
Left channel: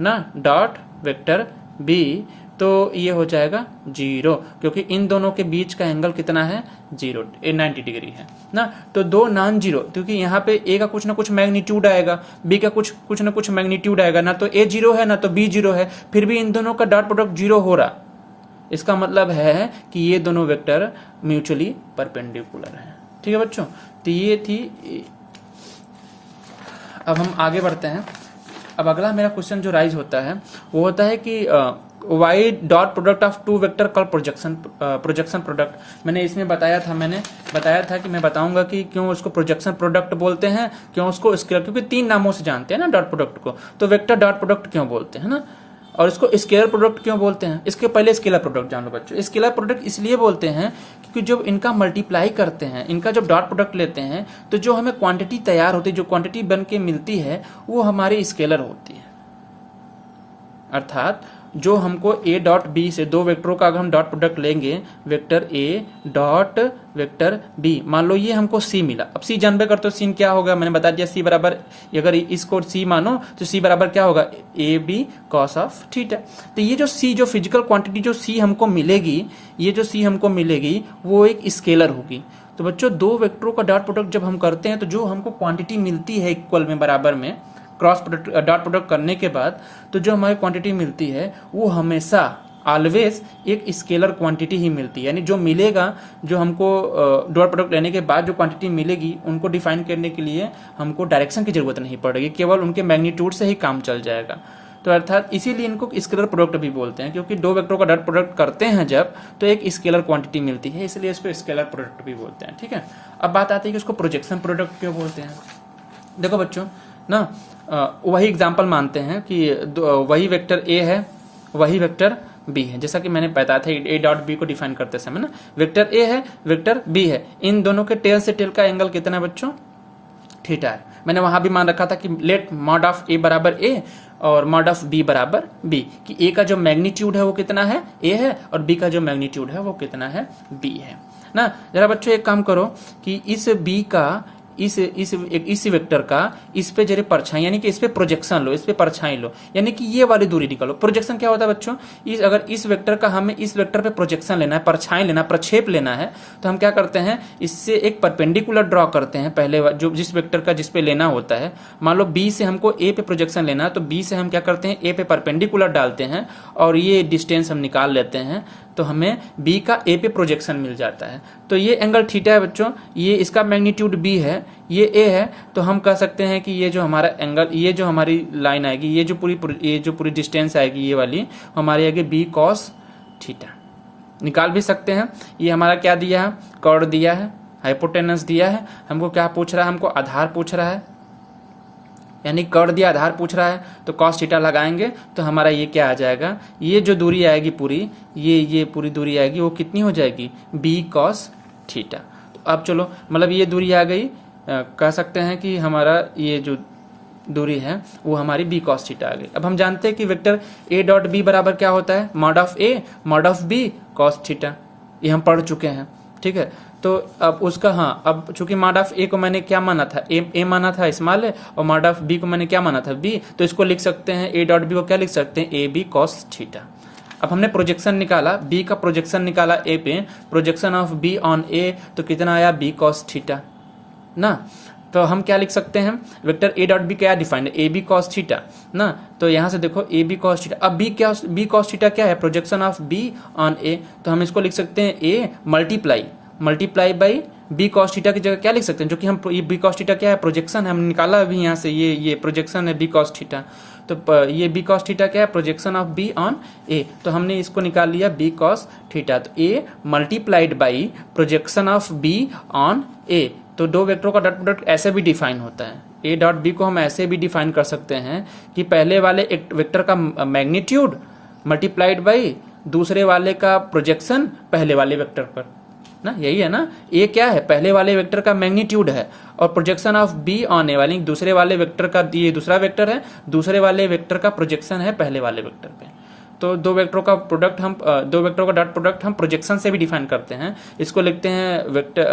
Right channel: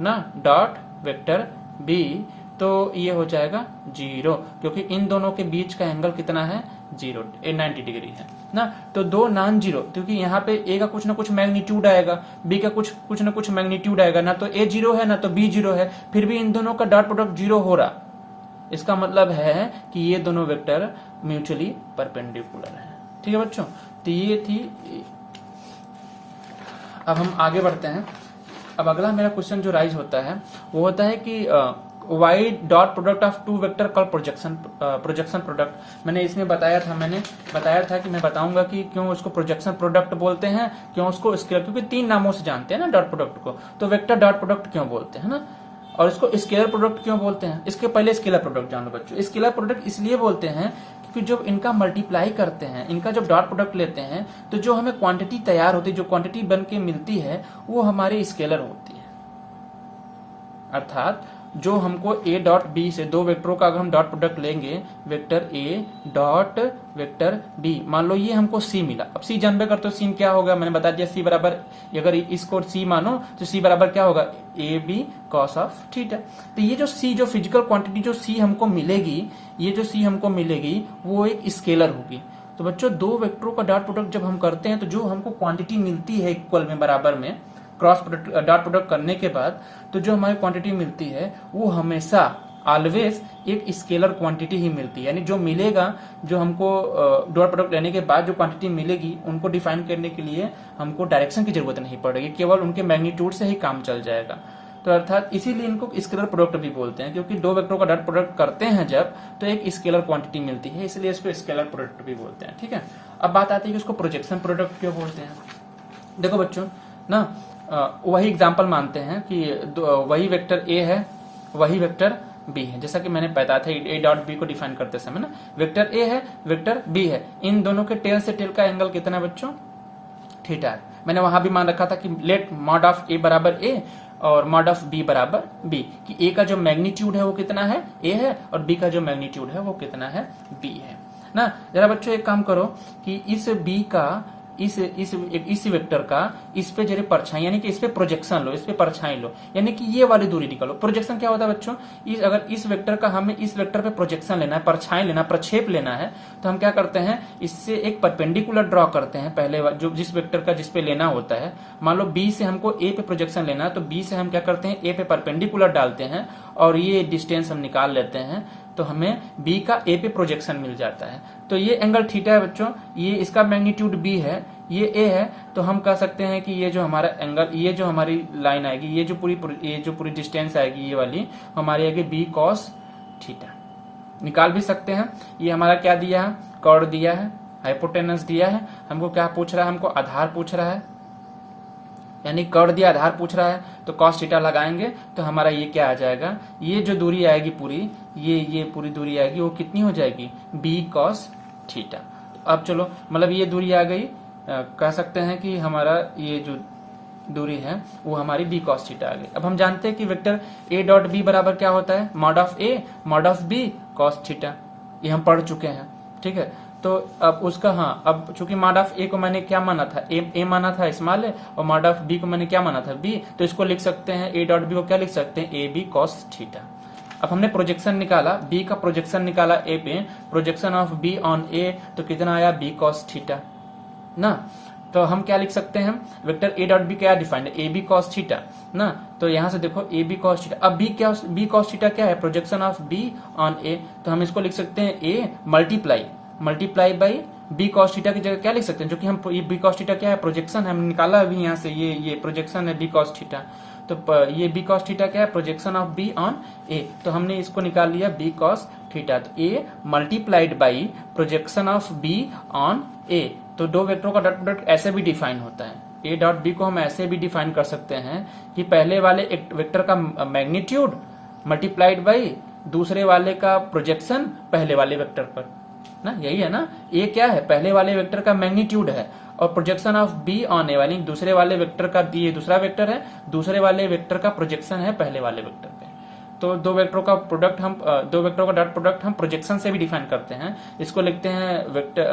ना डॉट वेक्टर बी, तो ये हो जाएगा जीरो, क्योंकि इन दोनों के बीच का एंगल कितना है, जीरो, 90 डिग्री है ना। तो दो नॉन जीरो, क्योंकि यहाँ पे ए का कुछ ना कुछ मैग्नीट्यूड आएगा, बी का कुछ ना कुछ मैग्नीट्यूड आएगा ना, तो ए जीरो है ना तो बी जीरो है, फिर भी इन दोनों का डॉट प्रोडक्ट जीरो हो रहा। इसका मतलब है कि ये दोनों वेक्टर म्यूचुअली परपेंडिकुलर है। ठीक है बच्चों, तो ये थी। अब हम आगे बढ़ते हैं। अब अगला मेरा क्वेश्चन जो राइज होता है वो होता है कि why dot product of two vector call projection product. मैंने बताया था कि मैं बताऊंगा कि क्यों उसको प्रोजेक्शन प्रोडक्ट बोलते हैं, क्यों उसको स्केलर, क्योंकि 3 नामों से जानते हैं ना डॉट प्रोडक्ट को, तो वेक्टर डॉट प्रोडक्ट क्यों बोलते हैं ना, और इसको स्केलर प्रोडक्ट क्यों बोलते हैं। इसके पहले स्केलर प्रोडक्ट जान लो बच्चों। स्केलर प्रोडक्ट इसलिए बोलते हैं क्योंकि जब इनका मल्टीप्लाई करते हैं, इनका जब डॉट प्रोडक्ट लेते हैं, तो जो हमें क्वांटिटी तैयार होती है, जो क्वांटिटी बन के मिलती है, वो हमारी स्केलर होती है। अर्थात जो हमको a डॉट बी से 2 वेक्टरों का अगर हम डॉट प्रोडक्ट लेंगे, vector a dot vector b, मान लो ये हमको c मिला। अब c जानबे करते हो सीन क्या होगा, मैंने बता दिया c बराबर, अगर इसको c मानो तो c बराबर क्या होगा, A B cos of theta. तो ये जो c, जो फिजिकल क्वांटिटी जो c हमको मिलेगी, ये जो c हमको मिलेगी वो एक स्केलर होगी। तो बच्चों 2 वेक्टरों का डॉट प्रोडक्ट जब हम करते हैं तो जो हमको क्वांटिटी मिलती है इक्वल में, बराबर में, क्रॉस प्रोडक्ट डॉट प्रोडक्ट करने के बाद, तो जो हमारी क्वांटिटी मिलती है वो हमेशा ऑलवेज एक स्केलर क्वांटिटी ही मिलती है। यानी जो मिलेगा, जो हमको डॉट प्रोडक्ट लेने के बाद जो क्वांटिटी मिलेगी, उनको डिफाइन करने के लिए हमको डायरेक्शन की जरूरत नहीं पड़ेगी, केवल उनके मैग्नीट्यूड से ही काम चल जाएगा। तो अर्थात इसीलिए इनको स्केलर प्रोडक्ट भी बोलते हैं, क्योंकि 2 वेक्टरों का डॉट प्रोडक्ट करते हैं जब, तो एक स्केलर क्वांटिटी मिलती है, इसलिए इसको स्केलर प्रोडक्ट भी बोलते हैं। ठीक है, अब बात आती है कि इसको प्रोजेक्शन प्रोडक्ट क्यों बोलते हैं। देखो बच्चों ना, वही एग्जाम्पल मानते हैं कि वही वेक्टर a है, वही वेक्टर b है, जैसा कि मैंने बताया था a डॉट b को डिफाइन करते समय ना, वेक्टर a है, वेक्टर b है, इन दोनों के टेल से टेल का एंगल कितना है बच्चों, थीटा है। मैंने वहां भी मान रखा था कि लेट मॉड ऑफ a बराबर a और मॉड ऑफ b बराबर b, कि a का जो मैग्नीट्यूड है वो कितना है, a है, और b का जो मैग्नीट्यूड है वो कितना है, b है ना। जरा बच्चों एक काम करो कि इस b का, इस वेक्टर का इस पे जरा परछाई, यानी कि इस पे प्रोजेक्शन लो, इस पे परछाई लो, यानी कि ये वाली दूरी निकालो। प्रोजेक्शन क्या होता है बच्चों, अगर इस वेक्टर का हमें इस वेक्टर पे प्रोजेक्शन लेना है, परछाई लेना है, प्रक्षेप लेना है, तो हम क्या करते हैं, इससे एक परपेंडिकुलर ड्रॉ करते हैं पहले, जो जिस वेक्टर का जिस पे लेना होता है। मान लो बी से हमको ए पे प्रोजेक्शन लेना है, तो बी से हम क्या करते हैं, ए पे परपेंडिकुलर डालते हैं और ये डिस्टेंस हम निकाल लेते हैं, तो हमें b का a पे प्रोजेक्शन मिल जाता है। तो ये एंगल थीटा है बच्चों, ये इसका मैग्नीट्यूड b है, ये a है, तो हम कह सकते हैं कि ये जो हमारा एंगल, ये जो हमारी लाइन आएगी, ये जो पूरी डिस्टेंस आएगी, ये वाली हमारी आएगी b cos थीटा। निकाल भी सकते हैं। ये हमारा क्या दिया है, कॉर्ड दिया है, हाइपोटेनस दिया है, हमको क्या पूछ रहा है, हमको आधार पूछ रहा है, यानी कॉर्ड दिया, आधार पूछ रहा है, तो cos थीटा लगाएंगे तो हमारा ये क्या आ जाएगा, ये जो दूरी आएगी पूरी, ये पूरी दूरी आएगी, वो कितनी हो जाएगी, b cos थीटा। तो अब चलो, मतलब ये दूरी आ गई, कह सकते हैं कि हमारा ये जो दूरी है वो हमारी b cos थीटा आ गई। अब हम जानते हैं कि वेक्टर a डॉट b बराबर क्या होता है, mod of a mod of b cos theta, ये हम पढ़ चुके हैं। ठीक है, तो अब उसका, हाँ, अब चूंकि मॉड ऑफ ए को मैंने क्या माना था, ए माना था स्मॉल है, और मॉड ऑफ बी को मैंने क्या माना था, बी, तो इसको लिख सकते हैं, ए डॉट बी को क्या लिख सकते हैं, ए बी कॉस थीटा। अब हमने प्रोजेक्शन निकाला, बी का प्रोजेक्शन निकाला ए पे, projection of B on A, तो कितना आया, बी कॉस थीटा ना। तो हम क्या लिख सकते हैं, वेक्टर ए डॉट बी क्या डिफाइंड है, ए बी कॉस थीटा ना। तो यहां से देखो ए बी कॉस थीटा, अब बी कॉस थीटा क्या है, projection of B on A, तो हम इसको लिख सकते हैं A multiply by B cos theta की जगह क्या लिख सकते हैं, जो कि हम बी कॉस थीटा क्या है, प्रोजेक्शन हम निकाला अभी यहाँ से, ये प्रोजेक्शन है बी कॉस थीटा, तो ये बी कॉस थीटा क्या है, projection of B on A, तो हमने इसको निकाल लिया बी कॉस थीटा। तो A multiplied by projection of B on A, तो 2 वेक्टरों का डॉट प्रोडक्ट ऐसे भी डिफाइन होता है। ए डॉट बी को हम ऐसे भी डिफाइन कर सकते हैं कि पहले वाले एक वेक्टर का मैग्नीट्यूड मल्टीप्लाइड बाई दूसरे वाले का प्रोजेक्शन पहले वाले वेक्टर पर ना, यही है ना। ए क्या है, पहले वाले वेक्टर का मैग्नीट्यूड है, और प्रोजेक्शन ऑफ बी ऑन ए वाली दूसरे वाले वेक्टर का, ये दूसरा वेक्टर है, दूसरे वाले वेक्टर का प्रोजेक्शन है पहले वाले वेक्टर पे। तो 2 वेक्टरों का प्रोडक्ट हम 2 वेक्टरों का डॉट प्रोडक्ट हम प्रोजेक्शन से भी डिफाइन करते हैं। इसको लिखते हैं वेक्टर,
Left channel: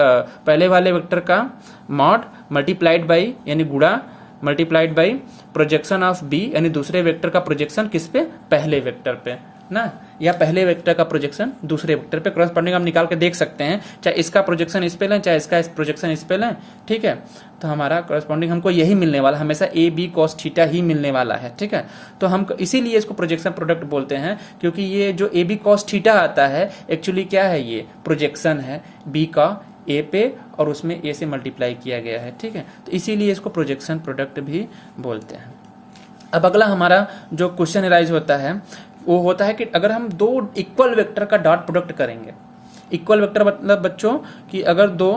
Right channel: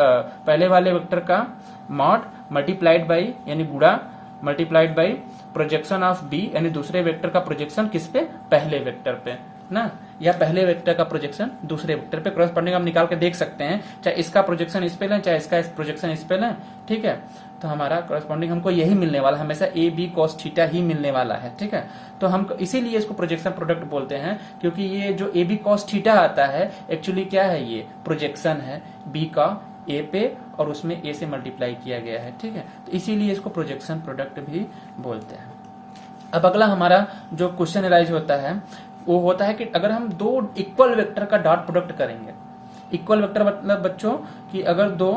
पहले वाले वेक्टर का मॉड मल्टीप्लाइड बाई, यानी गुणा multiplied by projection of B, यानी दूसरे वेक्टर का प्रोजेक्शन किस पे, पहले वेक्टर पे ना, या पहले वेक्टर का प्रोजेक्शन दूसरे वेक्टर पे। क्रॉसपोंडिंग हम निकाल के देख सकते हैं, चाहे इसका प्रोजेक्शन इस पे लें, चाहे इसका प्रोजेक्शन इस पे लें। ठीक है, तो हमारा क्रॉसपोंडिंग हमको यही मिलने वाला, हमेशा ए बी कॉस थीटा ही मिलने वाला है। ठीक है, तो हम इसीलिए इसको प्रोजेक्शन प्रोडक्ट बोलते हैं, क्योंकि ये जो ए बी कॉस थीटा आता है एक्चुअली क्या है, ये प्रोजेक्शन है बी का ए पे, और उसमें ए से मल्टीप्लाई किया गया है। ठीक है, तो इसीलिए इसको प्रोजेक्शन प्रोडक्ट भी बोलते हैं। अब अगला हमारा जो क्वेश्चन राइज होता है वो होता है कि अगर हम दो इक्वल वेक्टर का डॉट प्रोडक्ट करेंगे। इक्वल वेक्टर मतलब बच्चों कि अगर दो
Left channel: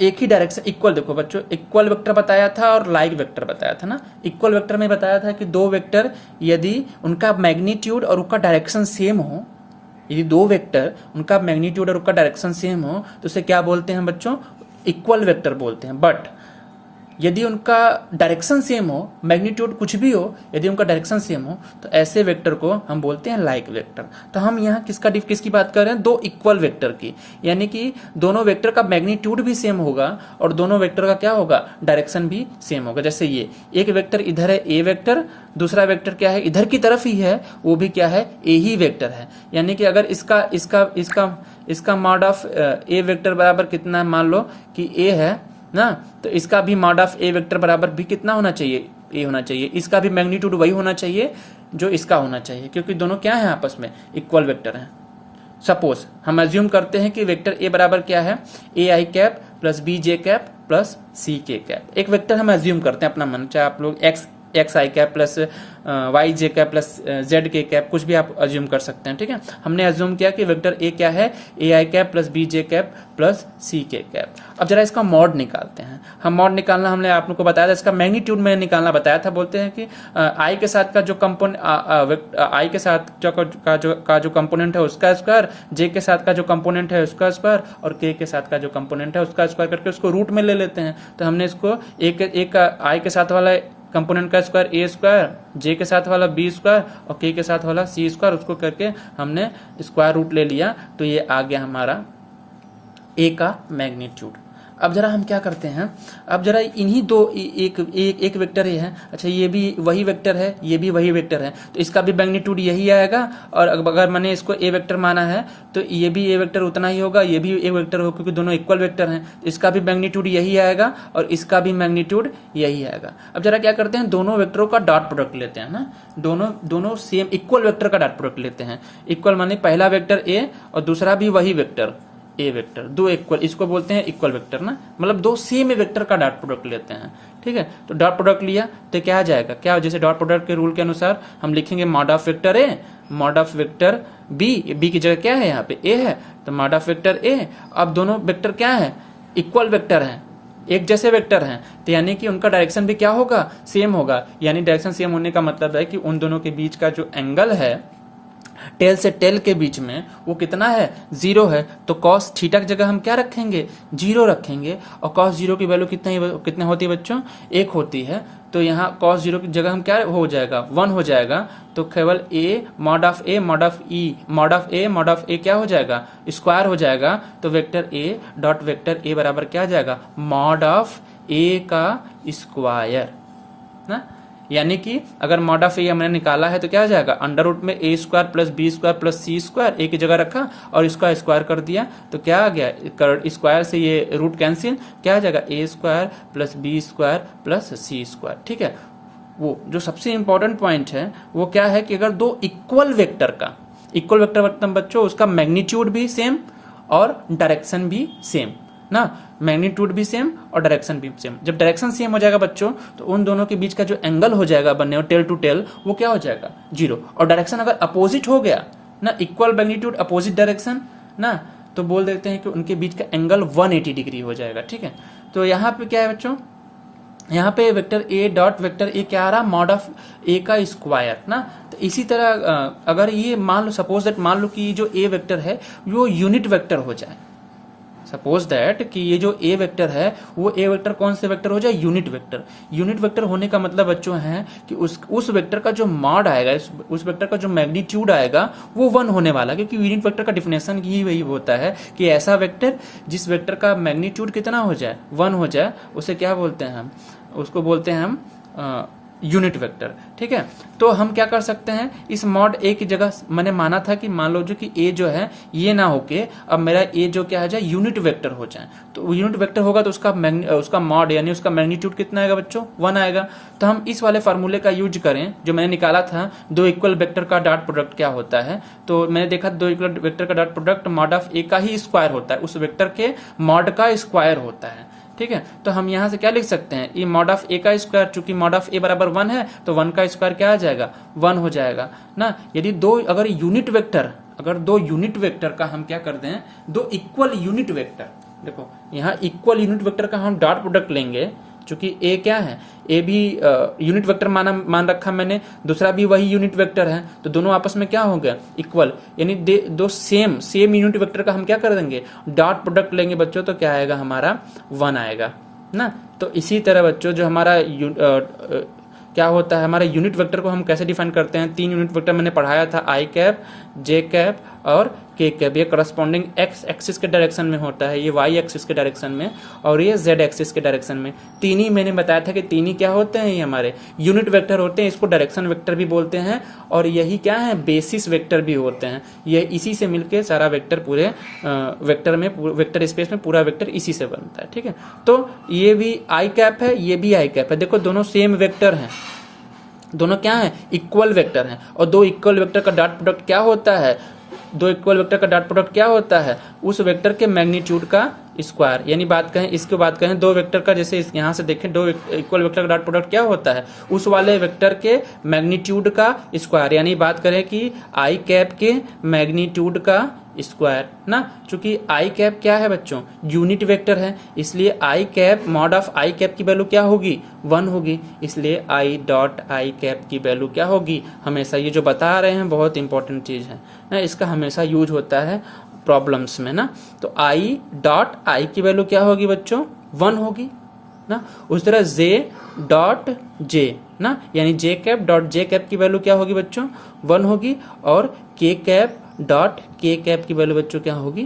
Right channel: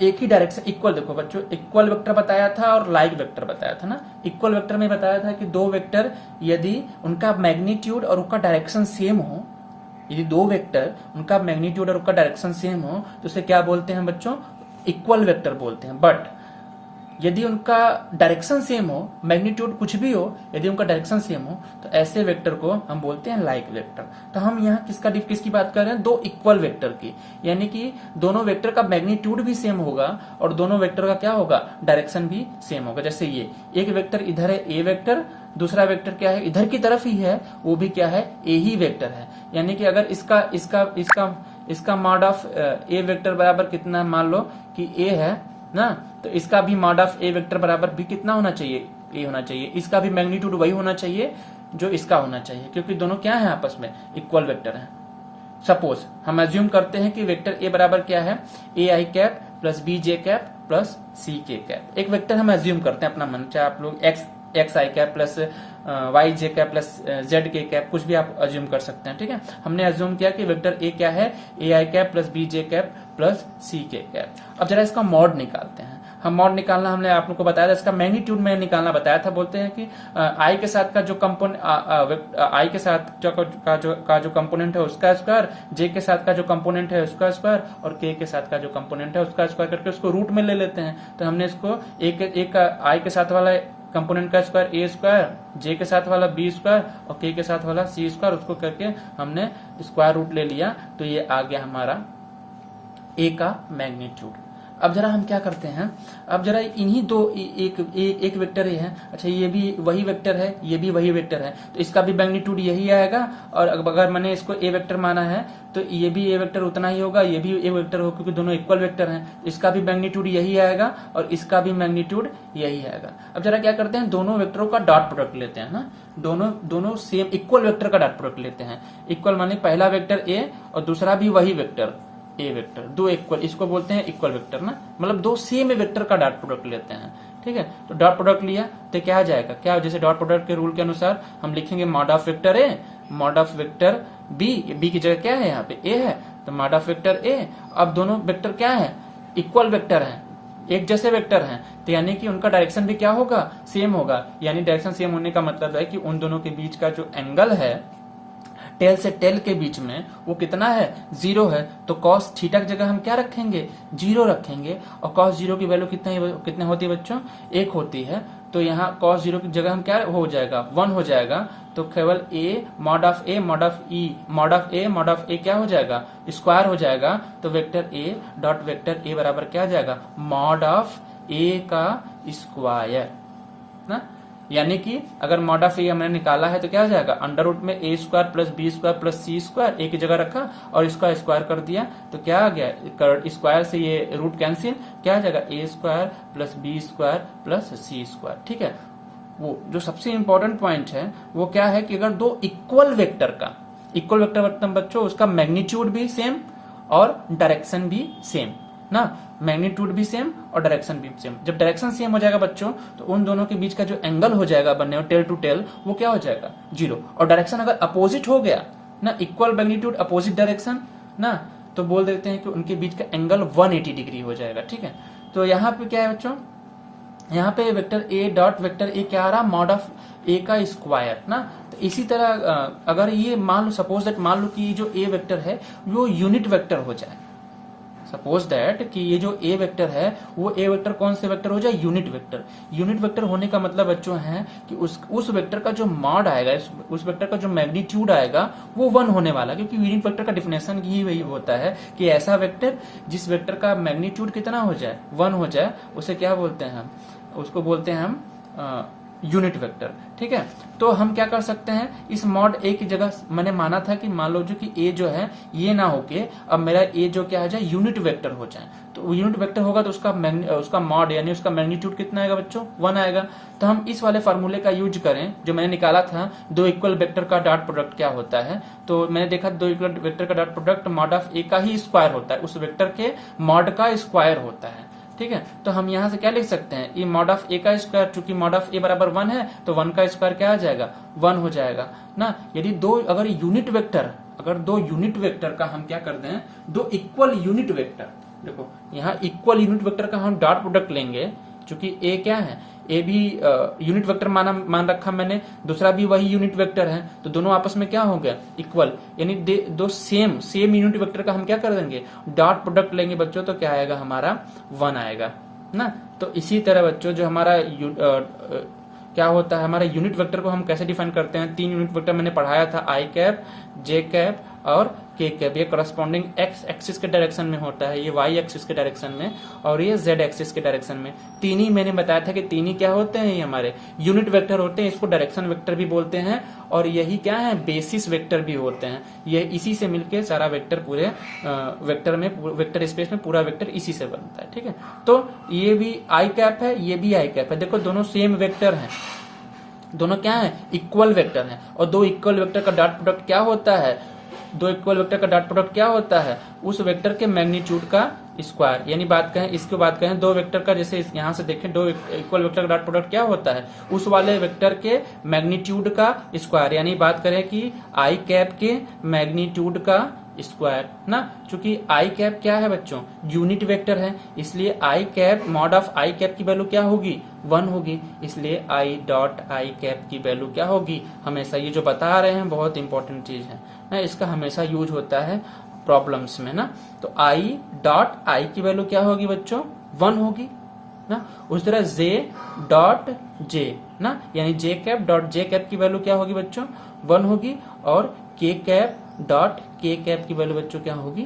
एक ही डायरेक्शन इक्वल, देखो बच्चों इक्वल वेक्टर बताया था और लाइक वेक्टर बताया था ना। इक्वल वेक्टर में बताया था कि दो वेक्टर यदि उनका मैग्नीट्यूड और उनका डायरेक्शन सेम हो, यदि दो वेक्टर उनका मैग्नीट्यूड और उनका डायरेक्शन सेम हो तो उसे क्या बोलते हैं बच्चों, इक्वल वेक्टर बोलते हैं। बट यदि उनका डायरेक्शन सेम हो, मैग्नीट्यूड कुछ भी हो, यदि उनका डायरेक्शन सेम हो तो ऐसे वेक्टर को हम बोलते हैं लाइक वेक्टर। तो हम यहाँ किसकी बात कर रहे हैं, दो इक्वल वेक्टर की, यानी कि दोनों वेक्टर का मैग्नीट्यूड भी सेम होगा और दोनों वेक्टर का क्या होगा, डायरेक्शन भी सेम होगा। जैसे ये एक वेक्टर इधर है ए वेक्टर, दूसरा वेक्टर क्या है इधर की तरफ ही है, वो भी क्या है ए ही वेक्टर है। यानी कि अगर इसका मॉड ऑफ ए वेक्टर बराबर कितना है, मान लो कि ए है ना, तो इसका भी मॉड ऑफ ए वेक्टर बराबर भी कितना होना चाहिए, ए होना चाहिए। इसका भी मैग्नीट्यूड वही होना चाहिए जो इसका होना चाहिए, क्योंकि दोनों क्या है आपस में इक्वल वेक्टर हैं। सपोज हम अज्यूम करते हैं कि वेक्टर ए बराबर क्या है, A I cap plus B J cap plus C K cap. एक वेक्टर हम अज्यूम करते हैं अपना मन, चाहे आप लोग एक्स आई कैप प्लस वाई जे कैप प्लस जेड के कैप, कुछ भी आप अज्यूम कर सकते हैं। ठीक है, हमने अज्यूम किया कि वेक्टर ए क्या है, A I cap plus B J cap plus C K cap. अब जरा इसका मॉड निकालते हैं। हम मॉड निकालना हमने आप लोग को बताया था, इसका मैग्नीट्यूड में निकालना बताया था। बोलते हैं कि आई के साथ का जो कंपोनेंट, आई के साथ का जो कंपोनेंट है उसका स्क्वायर, जे के साथ का जो कंपोनेंट है उसका स्क्वायर और के के साथ का जो कंपोनेंट है उसका स्क्वायर करके उसको रूट में ले लेते हैं। तो हमने इसको एक आई के साथ वाला कंपोनेंट का स्क्वायर ए स्क्वायर, जे के साथ वाला बी स्क्वायर और के साथ वाला सी स्क्वायर, उसको करके हमने स्क्वायर रूट ले लिया, तो ये आ गया हमारा ए का मैग्नीट्यूड। अब जरा हम क्या करते हैं, अब जरा इन्हीं दो एक वेक्टर ये है, अच्छा ये भी वही वेक्टर है, ये भी वही वेक्टर है, तो इसका भी मैग्नीट्यूड यही आएगा। और अगर मैंने इसको ए वेक्टर माना है तो ये भी ए वेक्टर उतना ही होगा, ये भी ए वेक्टर होगा, क्योंकि दोनों इक्वल वेक्टर हैं। तो इसका भी मैग्नीट्यूड यही आएगा और इसका भी मैग्नीट्यूड यही आएगा। अब जरा क्या करते हैं, दोनों वेक्टरों का डॉट प्रोडक्ट लेते हैं ना, दोनों सेम इक्वल वेक्टर का डॉट प्रोडक्ट लेते हैं। इक्वल माने पहला वेक्टर ए और दूसरा भी वही वेक्टर ए वेक्टर, दो इक्वल, इसको बोलते हैं इक्वल वेक्टर ना, मतलब दो सेम वेक्टर का डॉट प्रोडक्ट लेते हैं। ठीक है, तो डॉट प्रोडक्ट लिया तो क्या आ जाएगा, क्या जैसे डॉट प्रोडक्ट के रूल के अनुसार हम लिखेंगे mod of vector A, mod of vector B, B की जगह क्या है यहाँ पे ए है, तो मॉड ऑफ वेक्टर ए। अब दोनों वेक्टर क्या है, इक्वल वेक्टर हैं, एक जैसे वेक्टर हैं, तो यानी कि उनका डायरेक्शन भी क्या होगा, सेम होगा। यानी डायरेक्शन सेम होने का मतलब है कि उन दोनों के बीच का जो एंगल है टेल से टेल के बीच में वो कितना है, 0 है। तो कॉस थीटा की जगह हम क्या रखेंगे, 0 रखेंगे। और कॉस 0 की वैल्यू कितने होती है बच्चों, 1 होती है। तो यहाँ कॉस 0 की जगह हम क्या हो जाएगा, 1 हो जाएगा। तो केवल A mod of A mod of E mod of A mod of A क्या हो जाएगा, स्क्वायर हो जाएगा। तो vector A dot vector A बराबर क्या आ जाएगा, मॉड ऑफ ए का स्क्वायर ना। यानी कि अगर मॉड ऑफ ए हमने निकाला है तो क्या आ जाएगा, अंडर रूट में A square plus B square plus C square, A की जगह रखा और इसका स्क्वायर कर दिया, तो क्या आ गया, स्क्वायर से ये रूट कैंसिल, क्या आ जाएगा, A square plus B square plus C square. ठीक है, वो जो सबसे इंपॉर्टेंट पॉइंट है वो क्या है कि अगर दो इक्वल वेक्टर का, इक्वल वेक्टर मतलब बच्चों उसका मैग्नीट्यूड भी सेम और डायरेक्शन भी सेम ना, मैग्नीट्यूड भी सेम और डायरेक्शन भी सेम। जब डायरेक्शन सेम हो जाएगा बच्चों तो उन दोनों के बीच का जो एंगल हो जाएगा बनने टेल टू टेल, वो क्या हो जाएगा, 0। और डायरेक्शन अगर अपोजिट हो गया ना, इक्वल मैग्नीट्यूड अपोजिट डायरेक्शन ना, तो बोल देते हैं कि उनके बीच का एंगल 180 डिग्री हो जाएगा। ठीक है, तो यहाँ पे क्या है बच्चों, यहाँ पे vector A dot vector A क्या आ रहा, मॉड ऑफ ए का स्क्वायर ना। तो इसी तरह अगर ये मान लो, सपोज दैट मान लो कि जो ए वेक्टर है वो यूनिट वेक्टर हो जाए, सपोज दैट कि ये जो ए वेक्टर है वो ए वेक्टर कौन से वेक्टर हो जाए, यूनिट वेक्टर। यूनिट वेक्टर होने का मतलब बच्चों है कि उस वेक्टर का जो मॉड आएगा, उस वेक्टर का जो मैग्नीट्यूड आएगा वो 1 होने वाला, क्योंकि यूनिट वेक्टर का डिफिनेशन ही वही होता है कि ऐसा वेक्टर जिस वेक्टर का मैग्नीट्यूड कितना हो जाए, 1 हो जाए, उसे क्या बोलते हैं हम, उसको बोलते हैं हम यूनिट वेक्टर। ठीक है, तो हम क्या कर सकते हैं, इस मॉड ए की जगह मैंने माना था कि मान लो जो कि ए जो है ये ना होके अब मेरा ए जो क्या हो जाए, यूनिट वेक्टर हो जाए। तो यूनिट वेक्टर होगा तो उसका मॉड यानी उसका मैग्नीट्यूड कितना आएगा बच्चों, 1 आएगा। तो हम इस वाले फार्मूले का यूज करें जो मैंने निकाला था, दो इक्वल वेक्टर का डॉट प्रोडक्ट क्या होता है। तो मैंने देखा दो इक्वल वेक्टर का डॉट प्रोडक्ट मॉड ऑफ ए का ही स्क्वायर होता है, उस वेक्टर के मॉड का स्क्वायर होता है। ठीक है। तो हम यहाँ से क्या लिख सकते हैं, ये मॉड ऑफ ए का स्क्वायर, चूंकि मॉड ऑफ ए बराबर 1 है तो 1 का स्क्वायर क्या आ जाएगा, 1 हो जाएगा ना। यदि अगर दो यूनिट वेक्टर का हम क्या करते हैं, दो इक्वल यूनिट वेक्टर, देखो यहाँ इक्वल यूनिट वेक्टर का हम डॉट प्रोडक्ट लेंगे, चूंकि ए क्या है, ए भी यूनिट वेक्टर मान रखा मैंने, दूसरा भी वही यूनिट वेक्टर है, तो दोनों आपस में क्या हो गया, इक्वल, यानी दो सेम यूनिट वेक्टर का हम क्या कर देंगे, डॉट प्रोडक्ट लेंगे बच्चों, तो क्या आएगा हमारा 1 आएगा ना। तो इसी तरह बच्चों जो हमारा क्या होता है, हमारे यूनिट वेक्टर को हम कैसे डिफाइन करते हैं, 3 यूनिट वेक्टर मैंने पढ़ाया था, आई कैप, जे कैप और के कैप। ये करस्पॉन्डिंग एक्स एक्सिस के डायरेक्शन में होता है, ये वाई एक्सिस के डायरेक्शन में, और ये जेड एक्सिस के डायरेक्शन में। तीन ही मैंने बताया था कि तीन ही क्या होते हैं, ये हमारे यूनिट वेक्टर होते हैं, इसको डायरेक्शन वेक्टर भी बोलते हैं, और यही क्या है, बेसिस वेक्टर भी होते हैं। ये इसी से मिलकर सारा वेक्टर पूरे वेक्टर स्पेस में पूरा वेक्टर इसी से बनता है, ठीक है। तो ये भी आई कैप है, ये भी आई कैप है, देखो दोनों सेम वेक्टर हैं, दोनों क्या है, इक्वल वेक्टर हैं। और दो इक्वल वेक्टर का डॉट प्रोडक्ट क्या होता है, दो इक्वल वेक्टर का डॉट प्रोडक्ट क्या होता है, उस वेक्टर के मैग्नीट्यूड का स्क्वायर। यानी बात कहें दो वेक्टर का, जैसे यहाँ से देखें दो इक्वल वेक्टर का डॉट प्रोडक्ट क्या होता है, उस वाले वेक्टर के मैग्नीट्यूड का स्क्वायर। यानी बात करें कि आई कैप के मैग्नीट्यूड का स्क्वायर ना, चूंकि आई कैप क्या है बच्चों, यूनिट वेक्टर है, इसलिए I cap mod of I cap की वैल्यू क्या होगी, 1 होगी, इसलिए आई डॉट आई कैप की वैल्यू क्या होगी हमेशा। ये जो बता रहे हैं बहुत इंपॉर्टेंट चीज है ना, इसका हमेशा यूज होता है प्रॉब्लम्स में ना। तो आई डॉट आई की वैल्यू क्या होगी बच्चों, 1 होगी ना। उस तरह जे डॉट जे ना, यानी जे कैप डॉट जे कैप की वैल्यू क्या होगी बच्चों, 1 होगी, और के कैप डॉट के कैप की वैल्यू बच्चों क्या होगी,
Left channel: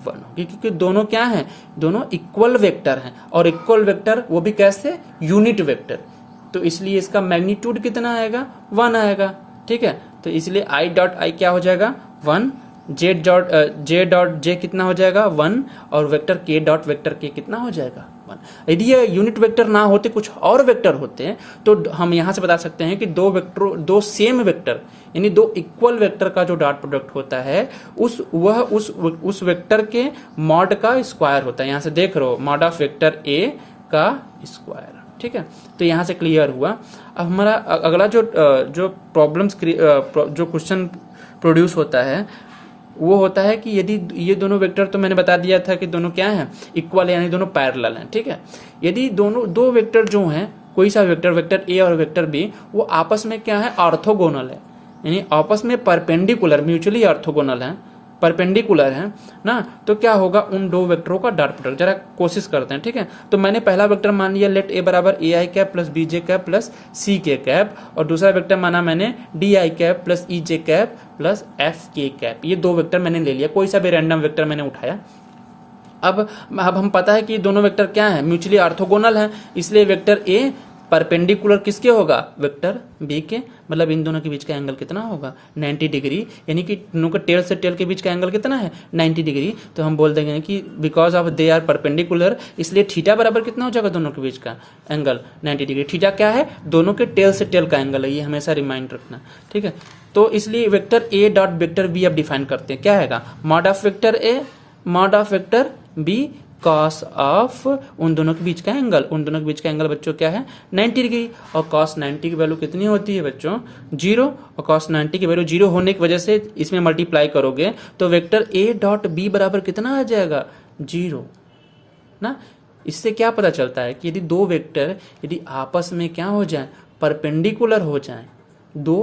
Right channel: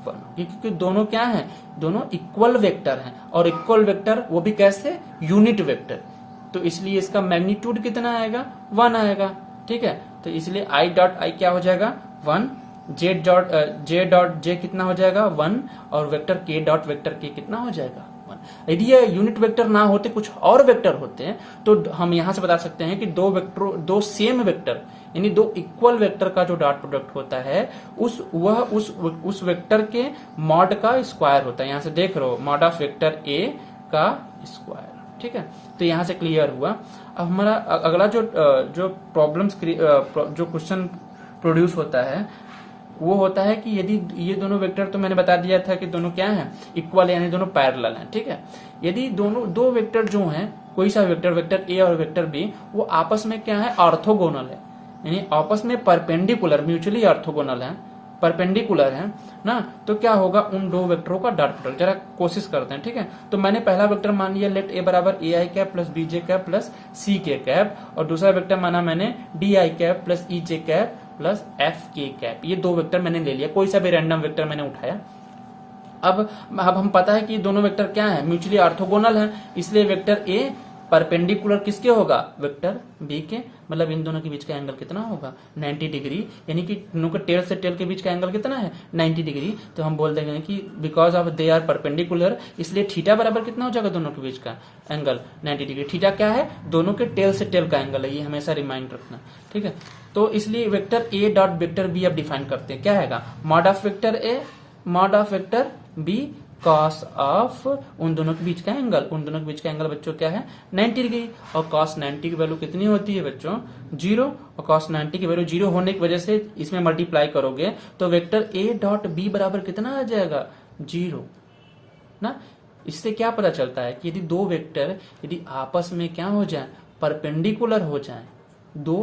1 होगी, क्योंकि दोनों क्या हैं, दोनों इक्वल वेक्टर हैं, और इक्वल वेक्टर वो भी कैसे, यूनिट वेक्टर, तो इसलिए इसका मैग्नीट्यूड कितना आएगा, 1 आएगा, ठीक है। तो इसलिए आई डॉट आई क्या हो जाएगा, 1, जे डॉट जे कितना हो जाएगा, 1, और वेक्टर के डॉट वेक्टर के कितना हो जाएगा, 1। यदि ये यूनिट वेक्टर ना होते, कुछ और वेक्टर होते हैं, तो हम यहां से बता सकते हैं कि दो सेम वेक्टर, यानी दो इक्वल वेक्टर का जो डॉट प्रोडक्ट होता है, उस वेक्टर के मॉड का स्क्वायर होता है। यहां से देख रहे हो, मॉड ऑफ वेक्टर ए का स्क्वायर, ठीक है। तो यहां से क्लियर हुआ। अब हमारा अगला जो प्रॉब्लम्स जो क्वेश्चन प्रोड्यूस होता है, वो होता है कि यदि ये दोनों वेक्टर, तो मैंने बता दिया था कि दोनों क्या हैं, इक्वल, यानी दोनों पैरेलल हैं, ठीक है। यदि दो वेक्टर जो हैं, कोई सा वेक्टर ए और वेक्टर बी, वो आपस में क्या है, ऑर्थोगोनल है, यानी आपस में परपेंडिकुलर, म्यूचुअली ऑर्थोगोनल है, परपेंडिकुलर है ना, तो क्या होगा, उन दो वेक्टरों का डॉट प्रोडक्ट जरा कोशिश करते हैं, ठीक है। तो मैंने पहला वेक्टर मान लिया, लेट ए बराबर A I cap plus B J cap plus C K cap, और दूसरा वेक्टर माना मैंने D I cap plus E J cap plus F K cap. ये दो वेक्टर मैंने ले लिया, कोई सा भी रैंडम वेक्टर मैंने उठाया। अब हम पता है कि दोनों वेक्टर क्या है, म्यूचुअली ऑर्थोगोनल है, इसलिए वेक्टर ए परपेंडिकुलर किसके होगा, वेक्टर बी के, मतलब इन दोनों के बीच का एंगल कितना होगा, 90 डिग्री, यानी कि दोनों के टेल से टेल के बीच का एंगल कितना है, 90 डिग्री। तो हम बोल देंगे कि because of they are perpendicular, इसलिए थीटा बराबर कितना हो जाएगा, दोनों के बीच का एंगल 90 डिग्री। थीटा क्या है, दोनों के टेल से टेल का एंगल है, ये हमेशा रिमाइंड रखना, ठीक है। तो इसलिए vector A dot vector B अब डिफाइन करते हैं, क्या है, mod of vector A mod of vector B cos of उन दोनों के बीच का एंगल, उन दोनों के बीच का एंगल बच्चों क्या है, 90 डिग्री, और कॉस 90 की वैल्यू कितनी होती है बच्चों, 0, और कॉस 90 की वैल्यू 0 होने की वजह से इसमें मल्टीप्लाई करोगे तो वेक्टर ए डॉट बी बराबर कितना आ जाएगा, 0 ना। इससे क्या पता चलता है कि यदि दो वेक्टर यदि आपस में क्या हो जाए, परपेंडिकुलर हो जाए, दो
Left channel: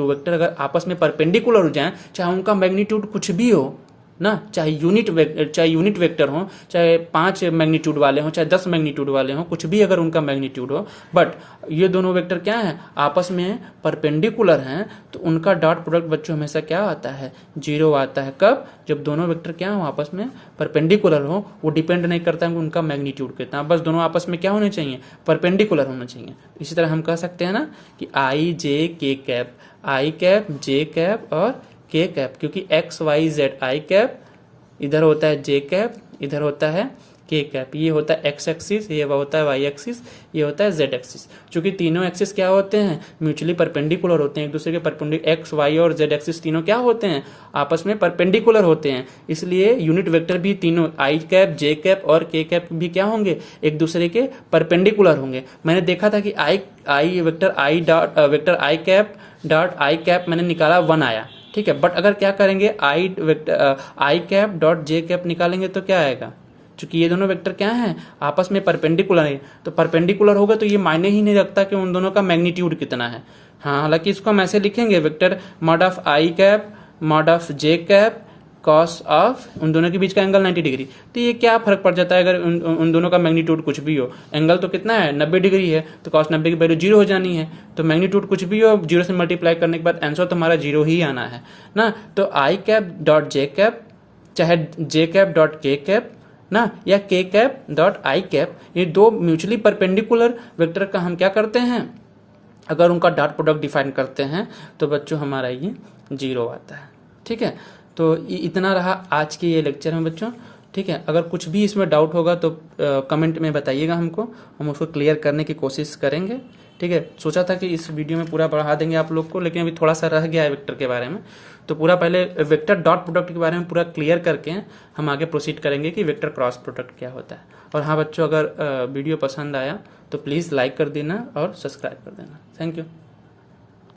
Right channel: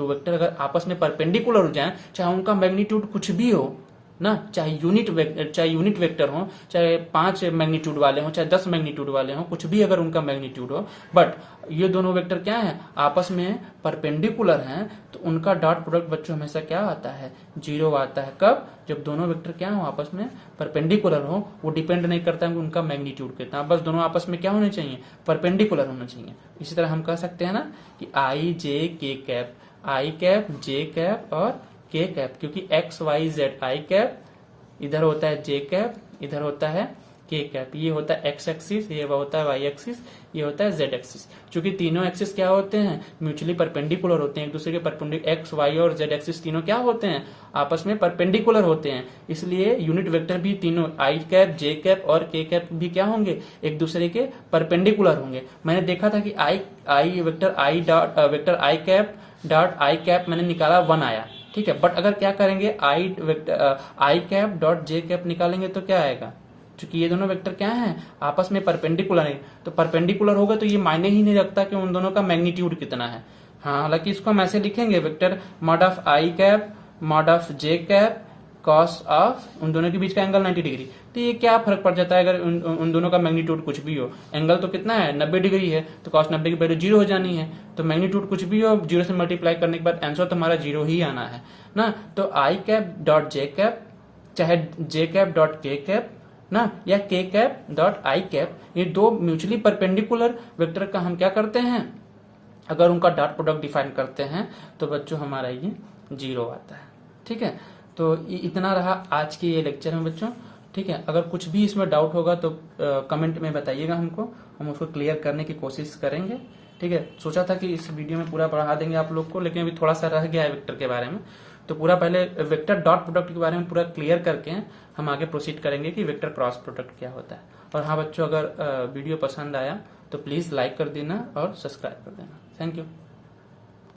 वेक्टर अगर आपस में परपेंडिकुलर हो जाए, चाहे उनका मैग्नीट्यूड कुछ भी हो ना, चाहे यूनिट वेक्टर हो, चाहे 5 मैग्नीट्यूड वाले हो, चाहे 10 मैग्नीट्यूड वाले हो, कुछ भी अगर उनका मैग्नीट्यूड हो, बट ये दोनों वेक्टर क्या है, आपस में परपेंडिकुलर हैं, तो उनका डॉट प्रोडक्ट बच्चों हमेशा क्या आता है, 0 आता है। कब, जब दोनों वेक्टर क्या हो, आपस में परपेंडिकुलर हो, वो डिपेंड नहीं करता है कि उनका मैग्नीट्यूड कितना, बस दोनों आपस में क्या होने चाहिए, परपेंडिकुलर होना चाहिए। इसी तरह हम कह सकते हैं ना कि I J K cap, I cap J cap और के कैप, क्योंकि X Y Z I cap, इधर होता है जे कैप, इधर होता है के कैप, ये होता है एक्स एक्सिस, ये होता है वाई एक्सिस, ये होता है जेड एक्सिस। चूंकि तीनों एक्सिस क्या होते हैं, म्यूचुअली परपेंडिकुलर होते हैं एक दूसरे के, परपेंडिकुलर एक्स वाई और जेड एक्सिस तीनों क्या होते हैं, आपस में परपेंडिकुलर होते हैं। इसलिए यूनिट वेक्टर भी तीनों आई कैप, जे कैप और के कैप भी क्या होंगे, एक दूसरे के परपेंडिकुलर होंगे। मैंने देखा था कि I vector I cap dot I cap मैंने निकाला 1 आया, ठीक है। बट अगर क्या करेंगे, आई कैप डॉट जे कैप निकालेंगे तो क्या आएगा, चूंकि ये दोनों वेक्टर क्या हैं, आपस में परपेंडिकुलर है, तो परपेंडिकुलर होगा तो ये मायने ही नहीं रखता कि उन दोनों का मैग्नीट्यूड कितना है। हाँ, हालांकि इसको हम ऐसे लिखेंगे, vector mod of I cap mod of J cap cos of, उन दोनों के बीच का एंगल 90 डिग्री। तो ये क्या फर्क पड़ जाता है अगर उन दोनों का मैग्नीट्यूड कुछ भी हो, एंगल तो कितना है 90 डिग्री है, तो कॉस 90 की वैल्यू 0 हो जानी है। तो मैग्नीट्यूड कुछ भी हो, 0 से मल्टीप्लाई करने के बाद आंसर तो हमारा 0 ही आना है ना। तो आई कैप डॉट जे कैप, चाहे जे कैप डॉट के कैप ना, या के कैप डॉट आई कैप, ये दो म्यूचुअली परपेंडिकुलर वेक्टर का हम क्या करते हैं, अगर उनका डॉट प्रोडक्ट डिफाइन करते हैं तो बच्चों हमारा ये 0 आता है, ठीक है। तो इतना रहा आज के ये लेक्चर में बच्चों, ठीक है। अगर कुछ भी इसमें डाउट होगा तो कमेंट में बताइएगा हमको, हम उसको क्लियर करने की कोशिश करेंगे, ठीक है। सोचा था कि इस वीडियो में पूरा बढ़ा देंगे आप लोग को, लेकिन अभी थोड़ा सा रह गया है वेक्टर के बारे में, तो पूरा पहले वेक्टर डॉट प्रोडक्ट के बारे में पूरा क्लियर करके हम आगे प्रोसीड करेंगे कि वेक्टर क्रॉस प्रोडक्ट क्या होता है। और हाँ बच्चों, अगर वीडियो पसंद आया तो प्लीज़ लाइक कर देना और सब्सक्राइब कर देना। Thank you.